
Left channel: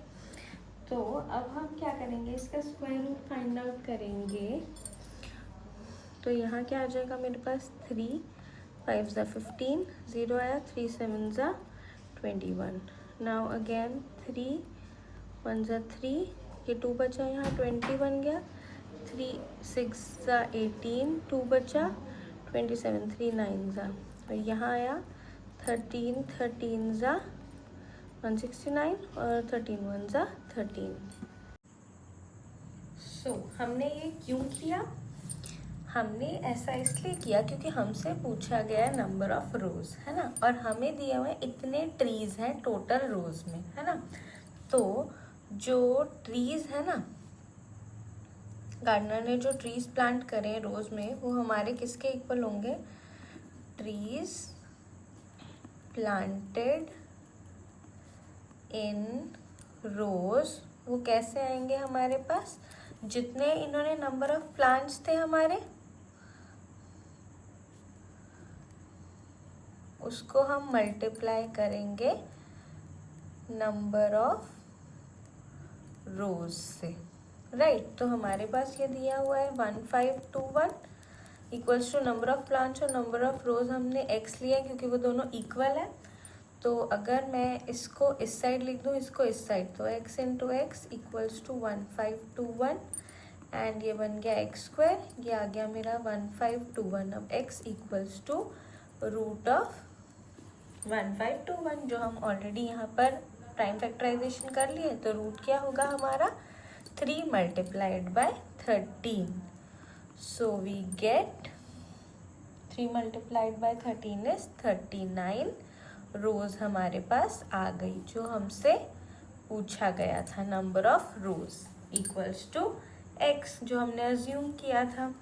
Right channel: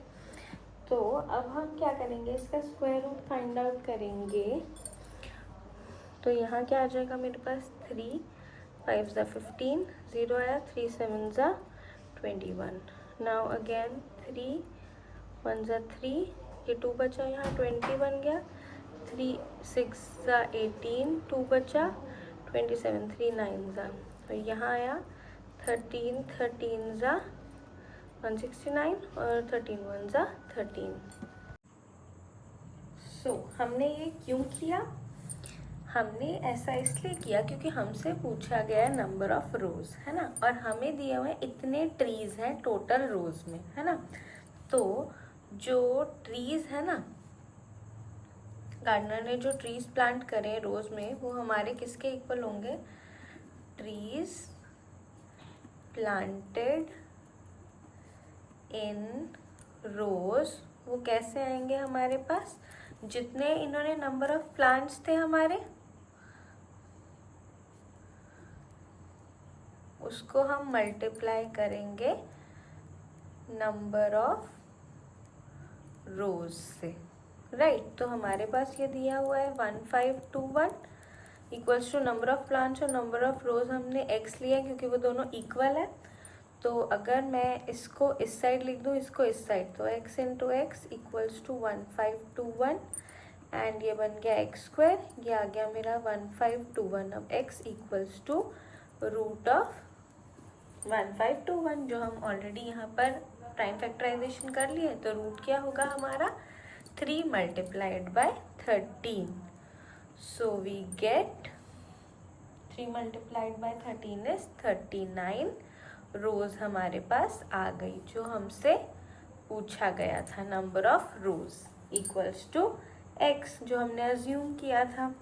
तो अब हम क्या करेंगे, इसका स्क्वायर रूट फाइंड आउट करेंगे. तो यहाँ क्या आ जाएगा मेरे पास, 3 5s are 15, 0 आया, 3 7s are 21. Now again 3 1s are 3, ये 2 बचा, यहाँ 20 बन गया, 3 6s are 18, 2 बचा, 27, 3 9s are, तो यहाँ आया 13 13s are 169 और 13 1s are 13. So हमने ये क्यों किया, हमने ऐसा इसलिए किया क्योंकि हमसे पूछा गया नंबर ऑफ रोज, है ना, और हमें दिए हुए इतने ट्रीज हैं टोटल रोज में, है ना. तो जो ट्रीज है ना, गार्डनर ने जो ट्रीज प्लांट करे रोज में, वो हमारे किसके इक्वल होंगे, ट्रीज प्लांटेड इन रोज. वो कैसे आएंगे हमारे पास, जितने इन्होंने नंबर ऑफ प्लांट्स थे हमारे, उसको हम मल्टीप्लाई करेंगे नंबर ऑफ रोज से, राइट. तो हमारे पास ये दिया हुआ है 1521 equals to number of plants और नंबर ऑफ रोज हमने x लिया क्योंकि वो दोनों इक्वल है. तो अगर मैं इसको इस साइड लिख दूँ, इसको इस साइड, तो x into x equals to 1521 and ये बन गया x स्क्वायर, ये आ गया मेरा 1521. अब x equals to root of 1521 जो हम ऑलरेडी यहाँ पर प्राइम फैक्टराइजेशन कर लिए, तो रूट क्या होगा हमारा 3 multiplied by 13. So we get 3 multiplied by 13 is 39 rows हमारे पास आ गई, जो हमसे पूछा गया था. Number of rows equals to x जो हमने अज्यूम किया था.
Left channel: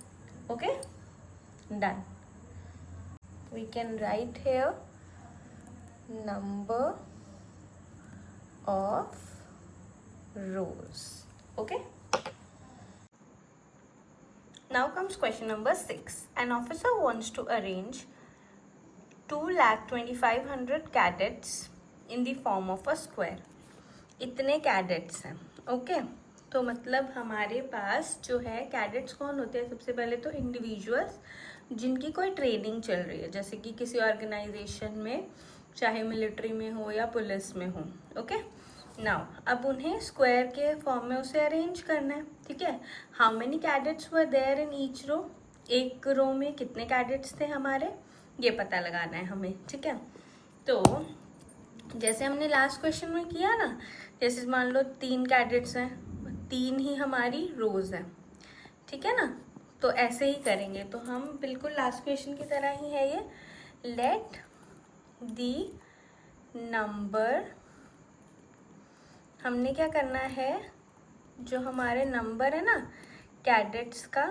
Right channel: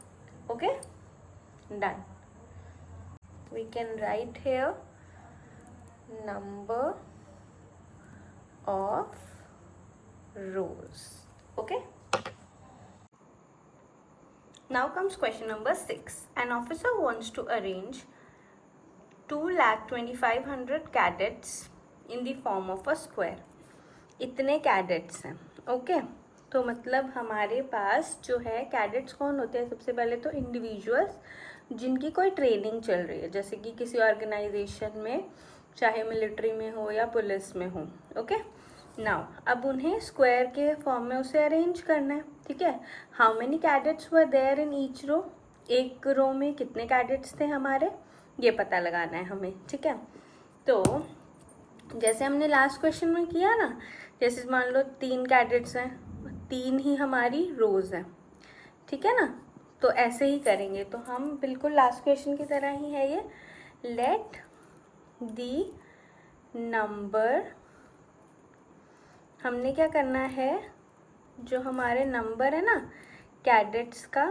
Okay, done. We can write here number of rows. Okay, now comes question number 6. An officer wants to arrange 2,25,000 cadets in the form of a square. इतने cadets हैं. Okay, तो मतलब हमारे पास जो है कैडेट्स कौन होते हैं? सबसे पहले तो इंडिविजुअल्स जिनकी कोई ट्रेनिंग चल रही है, जैसे कि किसी ऑर्गेनाइजेशन में, चाहे मिलिट्री में हो या पुलिस में हो. ओके, नाउ अब उन्हें स्क्वायर के फॉर्म में उसे अरेंज करना है. ठीक है, how many cadets were there in each row? एक रो में कितने कैडेट्स थे हमारे, ये पता लगाना है हमें. ठीक है, तो जैसे हमने लास्ट क्वेश्चन में किया ना, जैसे मान लो 3 कैडेट्स हैं, 3 ही हमारी रोज हैं. ठीक है ना, तो ऐसे ही करेंगे. तो हम बिल्कुल लास्ट क्वेश्चन की तरह ही है ये. लेट दी नंबर, हमने क्या करना है, जो हमारे नंबर है ना कैडेट्स का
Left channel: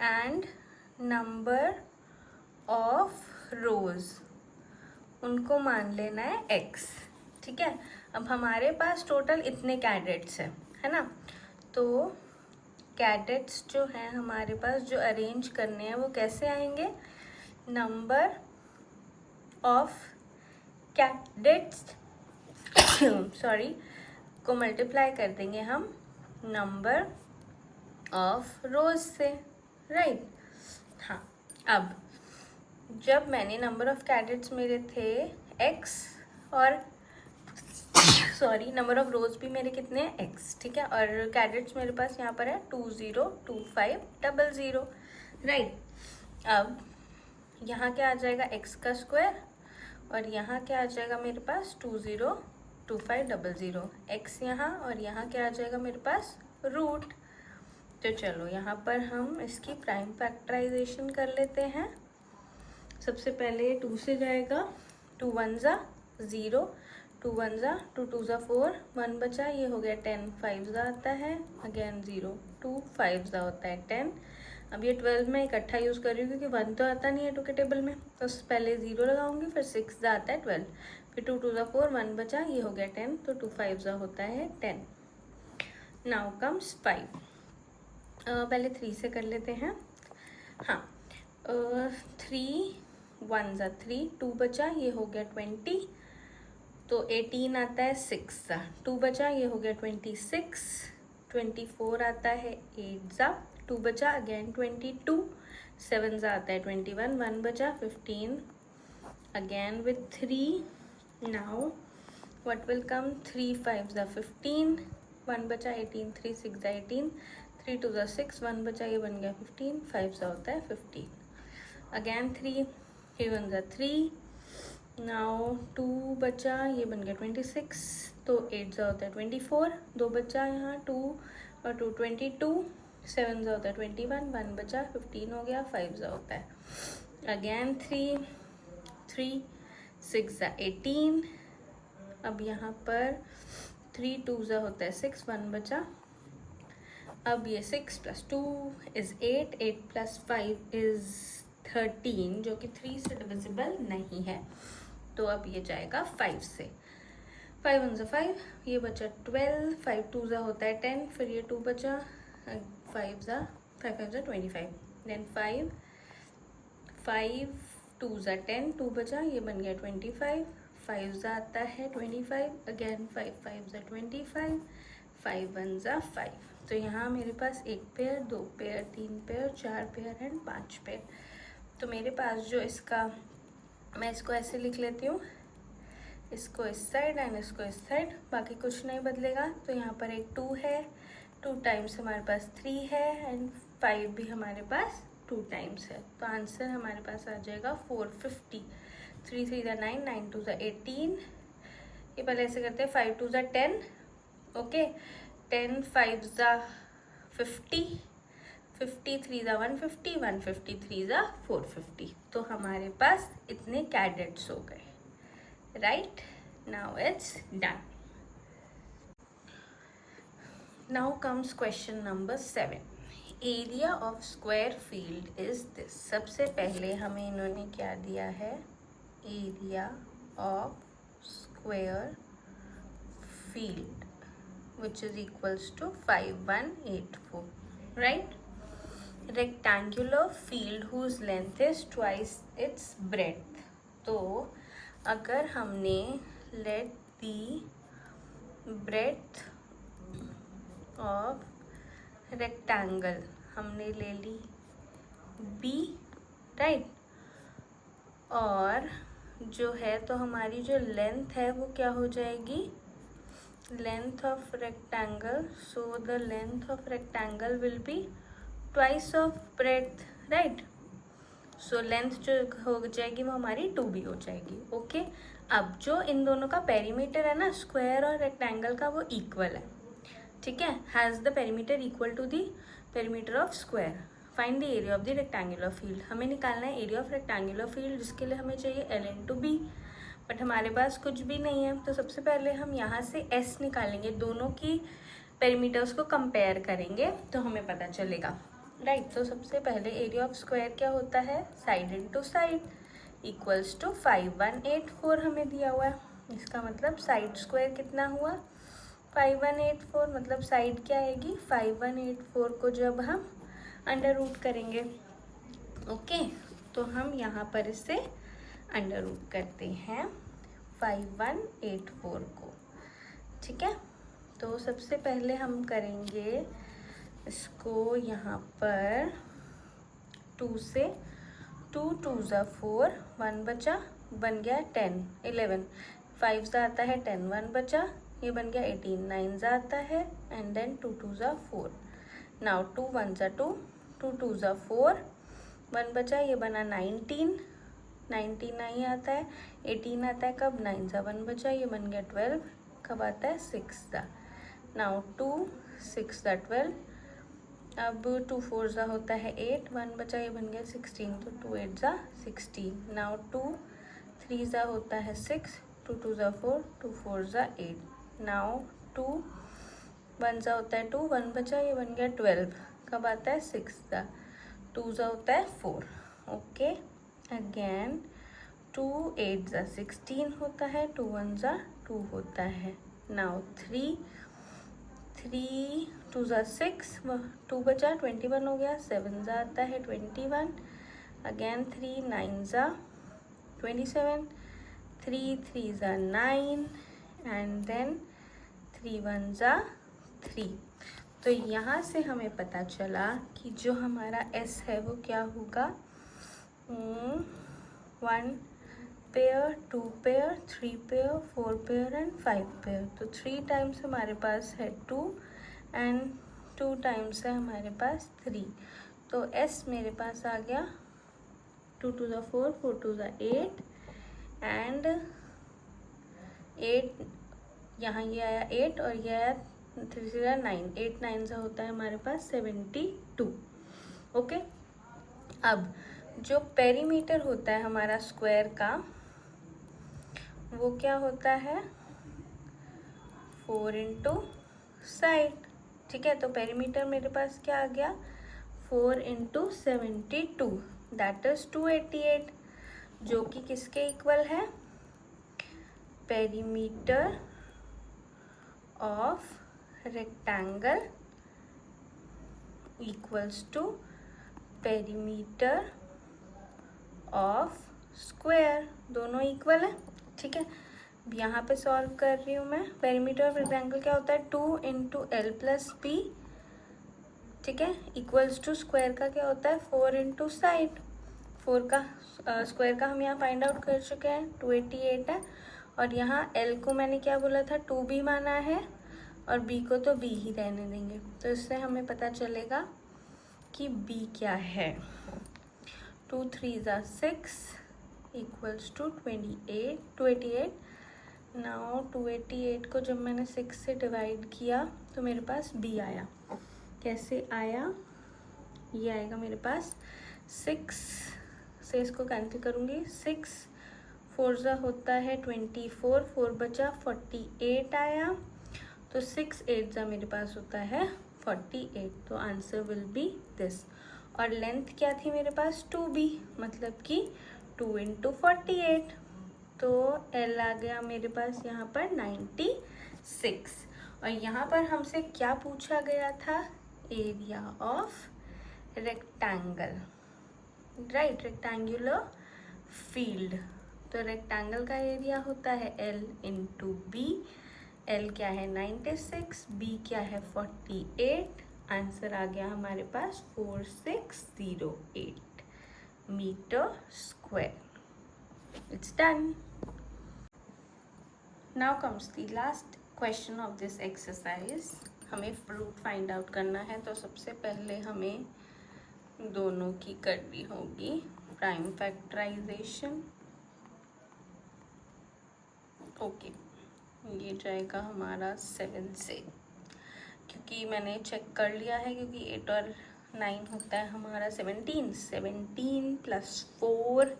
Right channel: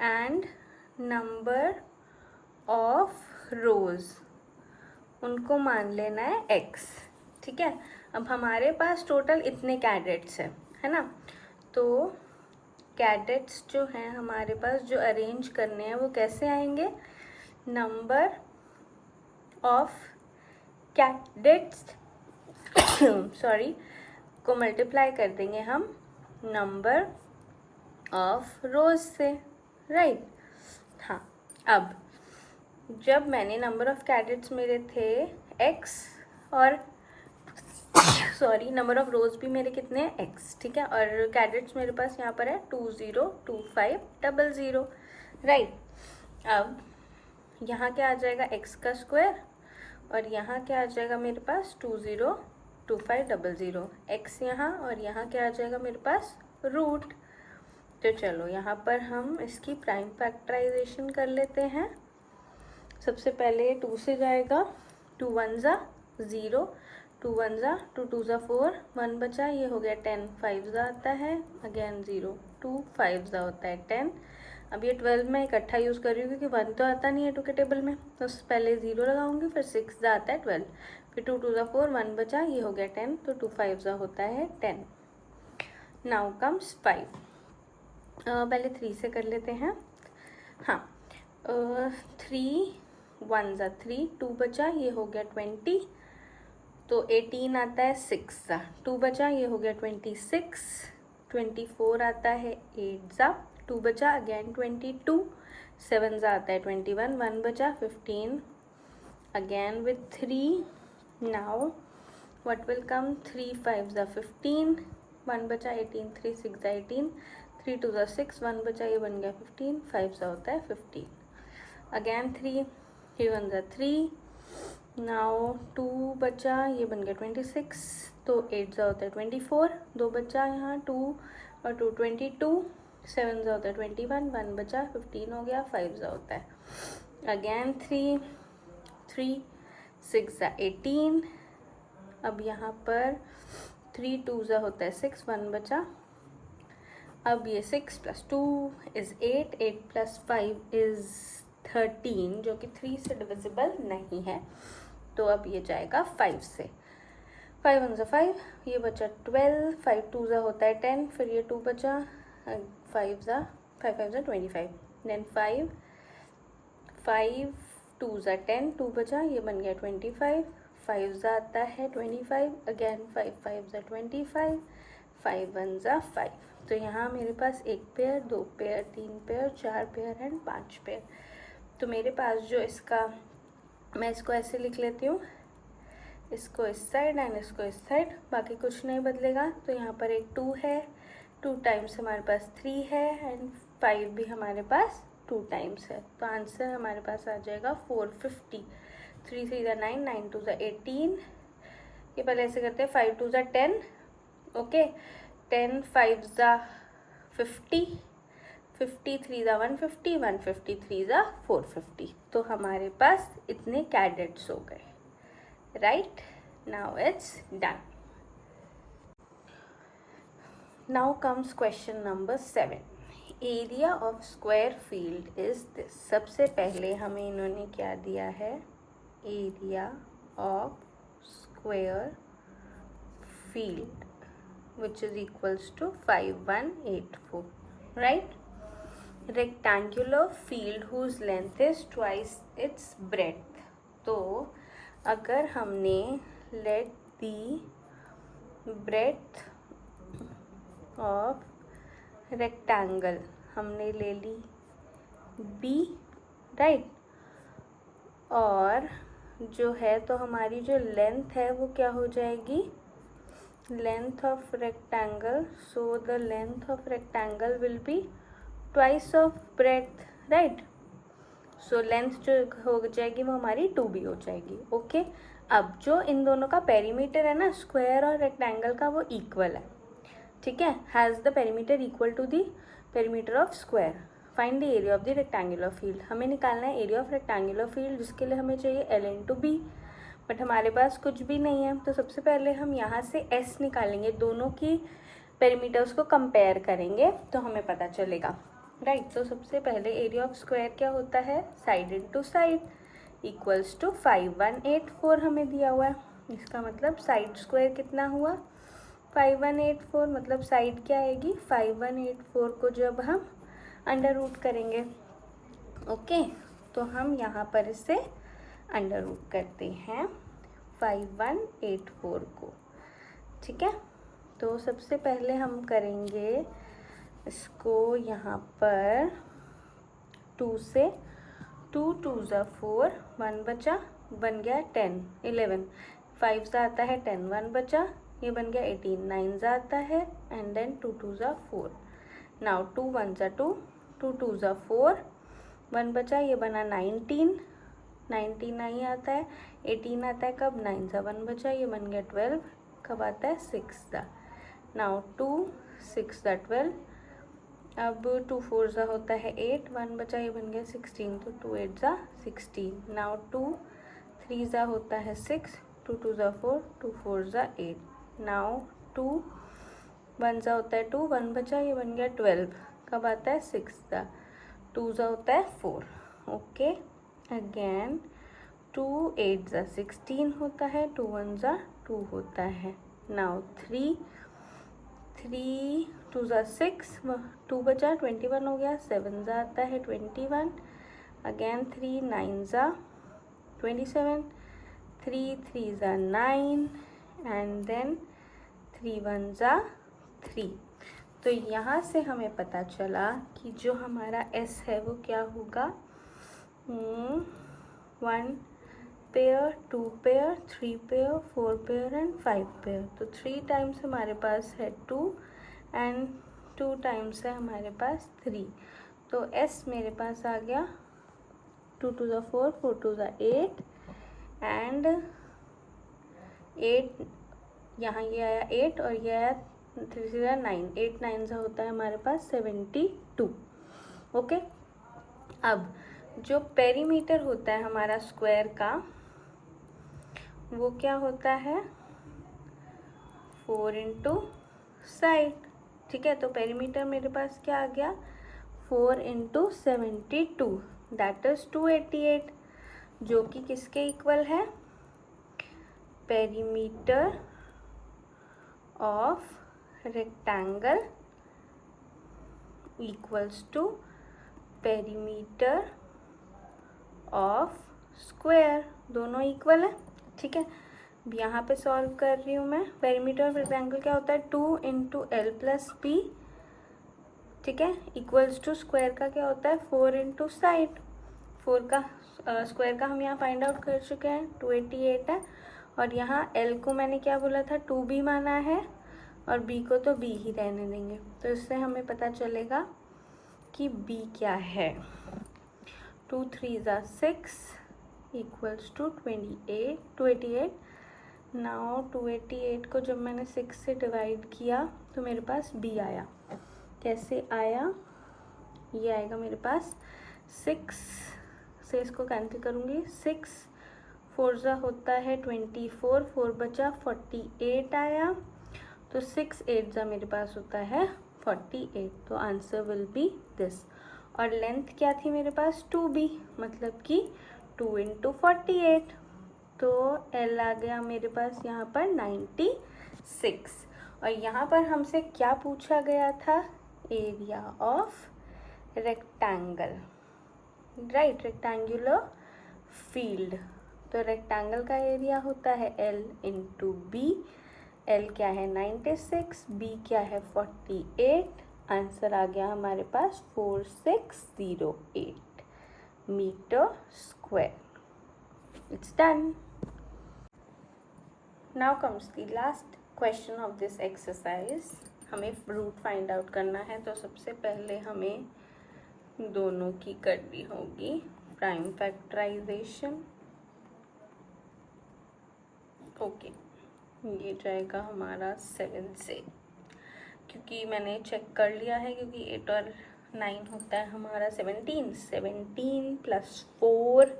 एंड नंबर ऑफ रोज, उनको मान लेना है x. ठीक है, अब हमारे पास टोटल इतने कैडेट्स हैं, है ना. तो कैडेट्स जो हैं हमारे पास जो अरेंज करने हैं वो कैसे आएंगे? नंबर ऑफ कैडेट्स सॉरी को मल्टीप्लाई कर देंगे हम नंबर ऑफ रोज से. राइट. हाँ, अब जब मैंने नंबर ऑफ कैडेट्स मेरे थे x और सॉरी नंबर ऑफ रोज भी मेरे कितने हैं x. ठीक है, और कैडेट्स मेरे पास यहाँ पर है 202500. राइट. अब यहाँ क्या आ जाएगा x का स्क्वायर, और यहाँ क्या आ जाएगा मेरे पास 202500. x यहाँ और यहाँ क्या आ जाएगा मेरे पास रूट. तो चलो यहाँ पर हम इसकी प्राइम फैक्टराइजेशन कर लेते हैं. सबसे पहले 2 से जाएगा, 2 1 ज़ा 0, 2 1 ज़ा 2 2 ज़ा 4, 1 बचा, ये हो गया 10, 5 ज़ा आता है अगेन 0, 2 5 ज़ा होता है 10. अब ये 12 में इकट्ठा यूज़ कर रही हूँ क्योंकि 1 तो आता नहीं है 2 के टेबल में, तो पहले 0 लगाऊंगी, फिर 6 ज़ा आता है 12, फिर 2 2 ज़ा 4, 1 बचा, ये हो गया 10, तो 2 5 ज़ा होता है 10. Now comes 5. पहले 3 से कर लेते हैं. हाँ, 3 1 ज़ा 3, 2 बचा, ये हो गया 20, तो 18 आता है 6 ज़ा, 2 बचा, ये हो गया 26, 24 आता है 8 ज़ा, 2 बचा अगेन 22, 7 ज़ा आता है 21, 1 बचा 15, again with 3. Now what will come, 3 5 ज़ा 15, 1 बचा 18, 3 6 ज़ा 18, 3 2 ज़ा 6, 1 बचा, ये बन गया 15, 5 ज़ा होता है 15, अगेन 3 1 ज़ा 3. नाउ 2 बचा, ये बन गया 26, तो 8 ज़ा होता है 24, 2 बचा यहाँ 2 और 2 22, 7 ज़ा होता है 21, 1 बचा 15 हो गया, 5 ज़ा होता है अगेन 3 6 ज़ा 18. अब यहाँ पर 3 2 ज़ा होता है 6, 1 बचा, अब ये 6 + 2 इज़ 8, 8 + 5 इज़ 13, जो कि 3 से डिविजिबल नहीं है, तो अब ये जाएगा 5 से. 5 1 ज़ा 5, ये बचा 12, 5 2 ज़ा होता है 10, फिर ये 2 बचा, 5 ज़ा 5 5 ज़ा 25, देन 5 2 ज़ा 10, 2 बचा, ये बन गया 25, 5 ज़ा आता है 25, अगेन 5 5 ज़ा 25, 5 1 ज़ा 5. तो यहाँ मेरे पास 1 pair, 2 pair, 3 pair, 4 pair and 5 pair. तो मेरे पास जो इसका, मैं इसको ऐसे लिख लेती हूँ, इसको इस साइड एंड इसको इस साइड, बाकी कुछ नहीं बदलेगा. तो यहाँ पर एक 2 है, 2 टाइम्स हमारे पास 3 है एंड 5 भी हमारे पास 2 टाइम्स है. तो आंसर हमारे पास आ जाएगा 450. 3 3 ज़ा 9, 9 2 ज़ा 18, ये पहले ऐसे करते हैं, 5 2 ज़ा 10, ओके, 10 5 ज़ा 50, 53 ज़ा 150, 153 ज़ा 450। तो हमारे पास इतने कैडेट्स हो गए, right? Now it's done. Now comes question number 7। Area of square field is this. सबसे पहले हमें इन्होंने क्या दिया है, area of square field which is equals to 5184, right? Rectangular field whose length is twice its breadth. तो अगर हमने let the breadth of rectangle हमने ले ली b, राइट, और जो है तो हमारी जो लेंथ है वो क्या हो जाएगी, length of rectangle, so the length of rectangle will be twice of breadth, right? So length जो हो जाएगी वो हमारी 2b हो जाएगी, ओके। अब जो इन दोनों का पेरीमीटर है ना, स्क्वायर और रेक्टेंगल का, वो इक्वल है, ठीक है, has the perimeter equal to the perimeter of square. Find the area of the rectangular field. हमें निकालना है एरिया ऑफ रेक्टेंगुलर फील्ड, जिसके लिए हमें चाहिए L इंटू बी, बट हमारे पास कुछ भी नहीं है। तो सबसे पहले हम यहाँ से S निकालेंगे, दोनों की पेरीमीटर्स को कंपेयर करेंगे तो हमें पता चलेगा, राइट? तो सबसे पहले एरिया ऑफ स्क्वायर क्या होता है, side into side equals to 5184 हमें दिया हुआ है। इसका मतलब साइड स्क्वायर कितना हुआ, 5184, मतलब साइड क्या आएगी, 5184 को जब हम अंडर रूट करेंगे, ओके, तो हम यहाँ पर इसे अंडर रूट करते हैं 5184 को, ठीक है। तो सबसे पहले हम करेंगे इसको यहाँ पर 2 से, 2 2 ज़ा 4, 1 बचा, बन गया 10 11, 5 ज़ा आता है 10, 1 बचा, ये बन गया 18, 9 ज़ा आता है, एंड देन 2 2 ज़ा 4। नाउ 2 1 ज़ा 2, 2 2 ज़ा 4, 1 बचा, ये बना 19, 19 नहीं आता है, 18 आता है कब, 9 ज़ा 1 बचा, ये बन गया 12, कब आता है, 6 ज़ा। नाउ 2 6 ज़ा 12, अब 2 4 ज़ा होता है 8, 1 बचा, ये बन गया 16, तो 2 8 ज़ा 16। नाउ 2 3 ज़ा होता है 6, 2 2 ज़ा 4, 2 4 ज़ा 8। नाउ 2 1 ज़ा होता है 2, 1 बचा, ये बन गया 12, कब आता है, 6 ज़ा, 2 ज़ा होता है 4, ओके। अगेन 2 8 ज़ा 16 होता है, 2 1 ज़ा 2 होता है। नाउ 3 2 ज़ा 6, 2 बचा, 21 हो गया, 7 ज़ा आता है 21, अगेन 3 9 ज़ा 27, 3 3 ज़ा 9, एंड देन 3 1 ज़ा 3। तो यहाँ से हमें पता चला कि जो हमारा S है वो क्या होगा, 1 pair, 2 pair, 3 pair, 4 pair and 5 pair. तो 3 टाइम्स हमारे पास है 2 एंड 2 टाइम्स है हमारे पास 3। तो S मेरे पास आ गया 2 2 ज़ा 4, 4 2 ज़ा 8 एंड 8, यहाँ ये आया 8 और ये आया 3 ज़ा 9, 8 9 ज़ा होता है हमारे पास 72, ओके। अब जो पेरीमीटर होता है हमारा स्क्वायर का, वो क्या होता है, 4 इंटू साइड, ठीक है। तो पेरीमीटर मेरे पास क्या आ गया, 4 इंटू 72, दैट इज 288, जो कि किसके इक्वल है, perimeter of rectangle equals to perimeter of square, दोनों इक्वल है, ठीक है। यहाँ पे सॉल्व कर रही हूँ मैं। पेरीमीटर ऑफ रेक्टेंगल क्या होता है, 2 इंटू एल प्लस पी, ठीक है, इक्वल्स टू स्क्वायर का क्या होता है, 4 इंटू साइड। 4 का स्क्वायर का हम यहाँ फाइंड आउट कर चुके हैं, 288 है, और यहाँ एल को मैंने क्या बोला था, 2b माना है, और b को तो b ही रहने देंगे। तो इससे हमें पता चलेगा कि b क्या है। 2 3 ज़ा 6, इक्वल्स टू 28। नाउ 288 को जब मैंने 6 से डिवाइड किया तो मेरे पास b आया। कैसे आया? ये आएगा मेरे पास 6 से इसको कैंसिल करूँगी। 6 4 ज़ा होता है 24, 4 बचा 48 आया। तो 6 8 ज़ा मेरे पास होता है 48। तो आंसर विल बी दिस। और लेंथ क्या थी मेरे पास? 2b, मतलब कि 2 इंटू 48। तो L आ गया मेरे पास यहाँ पर 96। और यहाँ पर हमसे क्या पूछा गया था? Area of rectangle, right, rectangular field. तो रेक्टेंगल का एरिया होता है L इंटू बी। L क्या है? 96, B क्या है? 48। आंसर आ गया हमारे पास 4608 metre square. It's done. Now comes the last question of this exercise. हमें रूट फाइंड आउट करना है, तो सबसे पहले हमें दोनों की करनी होगी प्राइम फैक्टराइजेशन। ओके, ये जाएगा हमारा 7 से, क्योंकि मैंने चेक कर लिया है, क्योंकि 8 और 9 होता है हमारा 17। 17 प्लस 4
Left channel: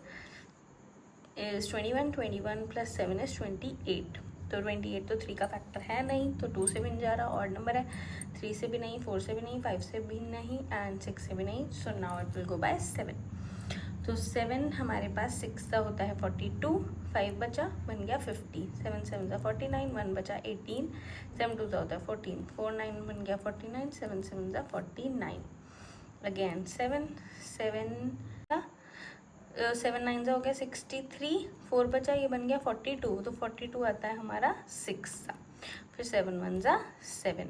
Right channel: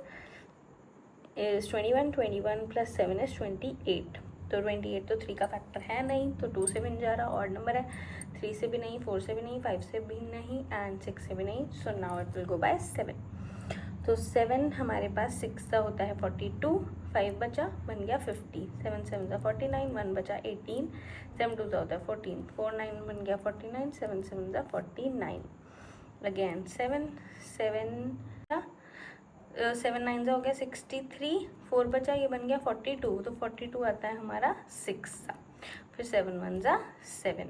इज़ 21, 21 प्लस 7 इज़ 28। तो 28 तो 3 का फैक्टर है नहीं, तो 2 से भी नहीं जा रहा, और नंबर है। 3 से भी नहीं, 4 से भी नहीं, 5 से भी नहीं, एंड 6 से भी नहीं। So now it will go by 7। तो 7 हमारे पास 6 का होता है 42, 5 बचा, बन गया 50, 7 7 ज़ा 49, 1 बचा 18, 7 2 ज़ा होता है 14, 4 9 बन गया 49, 7 7 ज़ा 49। अगेन 7 9 ज़ा हो गया 63, 4 बचा, ये बन गया 42, तो 42 आता है हमारा 6 सा। फिर 7 1 ज़ा 7।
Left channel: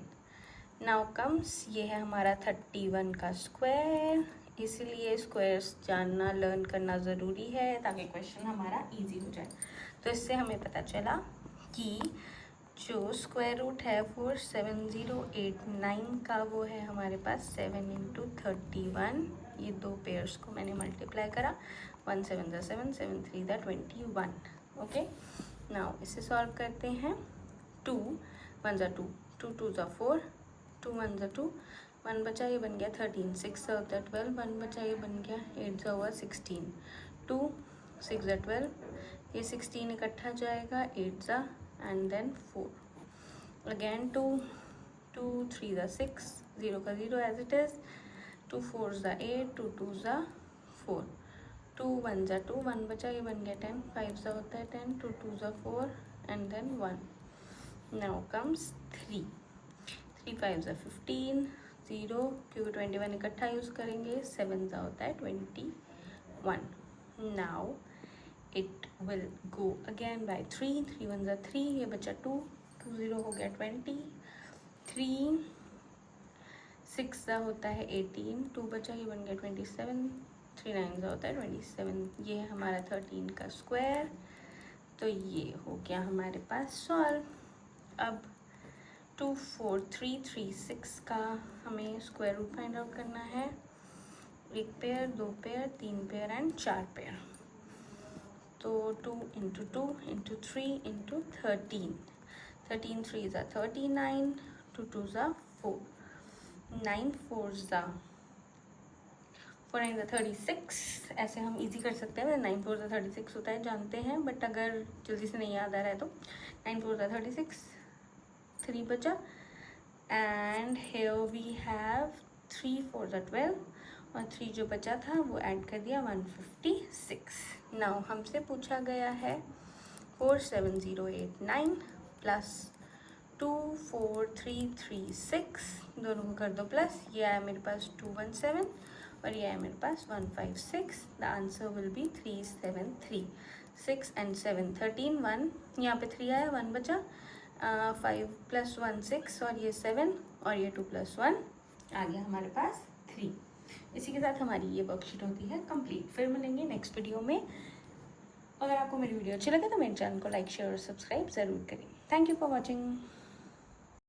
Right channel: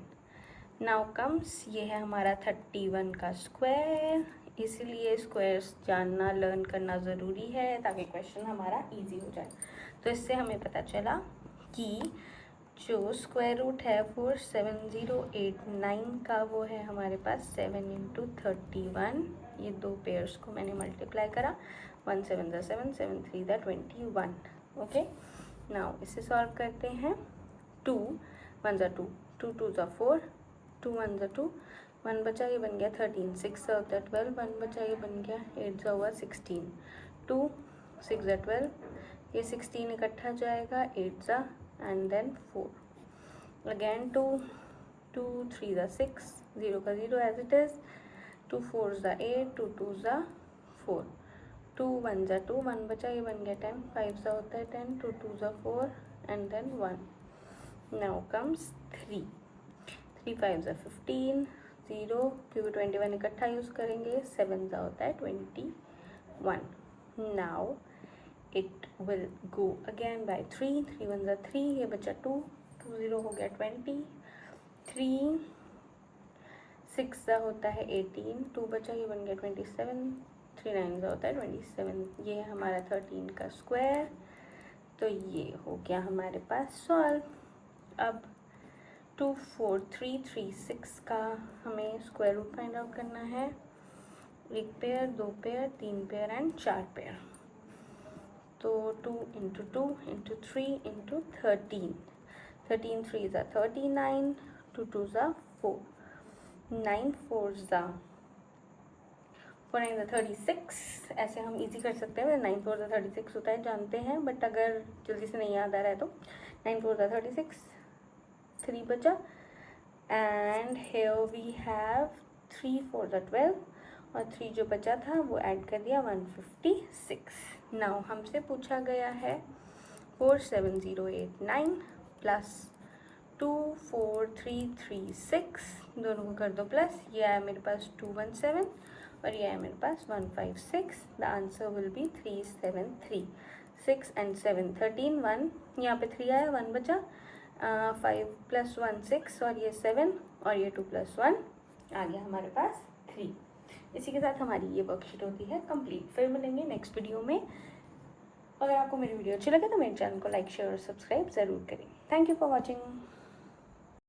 नाउ कम्स, ये है हमारा 31 का स्क्वायर। इसीलिए स्क्वायर्स जानना, लर्न करना ज़रूरी है, ताकि क्वेश्चन हमारा इजी हो जाए। तो इससे हमें पता चला कि जो स्क्वायर रूट है 47089 का, वो है हमारे पास 7 इंटू 31। ये दो पेयर्स को मैंने मल्टीप्लाई करा, 1 7 ज़ा 7, 7 3 ज़ा 21। ओके, नाउ इसे सॉल्व करते हैं। 2 1 ज़ा 2, 2 2 ज़ा 4, 2 1 ज़ा 2, 1 बचा, ये बन गया 13, 6 ज़ा होता है 12, 1 बचा, ये बन गया 8 ज़ा हुआ 16, 2 6 ज़ा 12, ये 16 इकट्ठा जाएगा 8 ज़ा, एंड देन 4, अगेन 2 2 3 ज़ा 6, 0 का 0 एज इट इज़, 2 4 ज़ा 8, 2 2 ज़ा 4, 2 1 ज़ा 2, 1 बचा, ये बन गया 10, 5 ज़ा होता है 10, 2 2 ज़ा 4, एंड देन 1। नाउ कम्स 3 5 ज़ा 15, 0, क्योंकि 21 इकट्ठा यूज़ करेंगे, 7 ज़ा होता है 21। Now it will go again by 3 3 1 ज़ा 3, ये बचा 2 2 0 हो गया 20, 3 6 ज़ा होता है 18, 2 बचा, ये बन गया 27, 3 9 ज़ा होता है 27। ये है हमारा 13 का स्क्वायर। तो ये हो गया हमारे पास सॉल्व। अब 24336 का हमें स्क्वायर रूट फाइंड आउट करना है। 1 pair, 2 pair, 3 pair and 4 pair. तो 2 इंटू 2 इंटू 3 इंटू 13, 13 3 ज़ा 39, 2 2 ज़ा 4, 9 4 ज़ा 4 9 ज़ा 36। ऐसे हम इजी कर सकते हैं, 9 4 ज़ा 36 होता है, जानते हैं, बट अगर जल्दी से नहीं याद आ रहा है तो 9 4 ज़ा 36, 3 बचा, एंड हियर वी हैव 3 4 ज़ा 12, और 3 जो बचा था वो ऐड कर दिया 156। नाउ हमसे पूछा गया है 47089 प्लस 24336, दोनों को कर दो प्लस, ये आया मेरे पास 217 और ये आया मेरे पास 156। The answer will be 373। 6 and 7 13, 1 यहाँ पे 3 आया, 1 बचा, 5 + 1 6, और ये 7, और ये 2 + 1 आ गया हमारे पास 3। इसी के साथ हमारी ये वर्कशीट होती है कंप्लीट। फिर मिलेंगे नेक्स्ट वीडियो में। अगर आपको मेरी वीडियो अच्छी लगे तो मेरे चैनल को लाइक शेयर और सब्सक्राइब ज़रूर करें। Thank you for watching.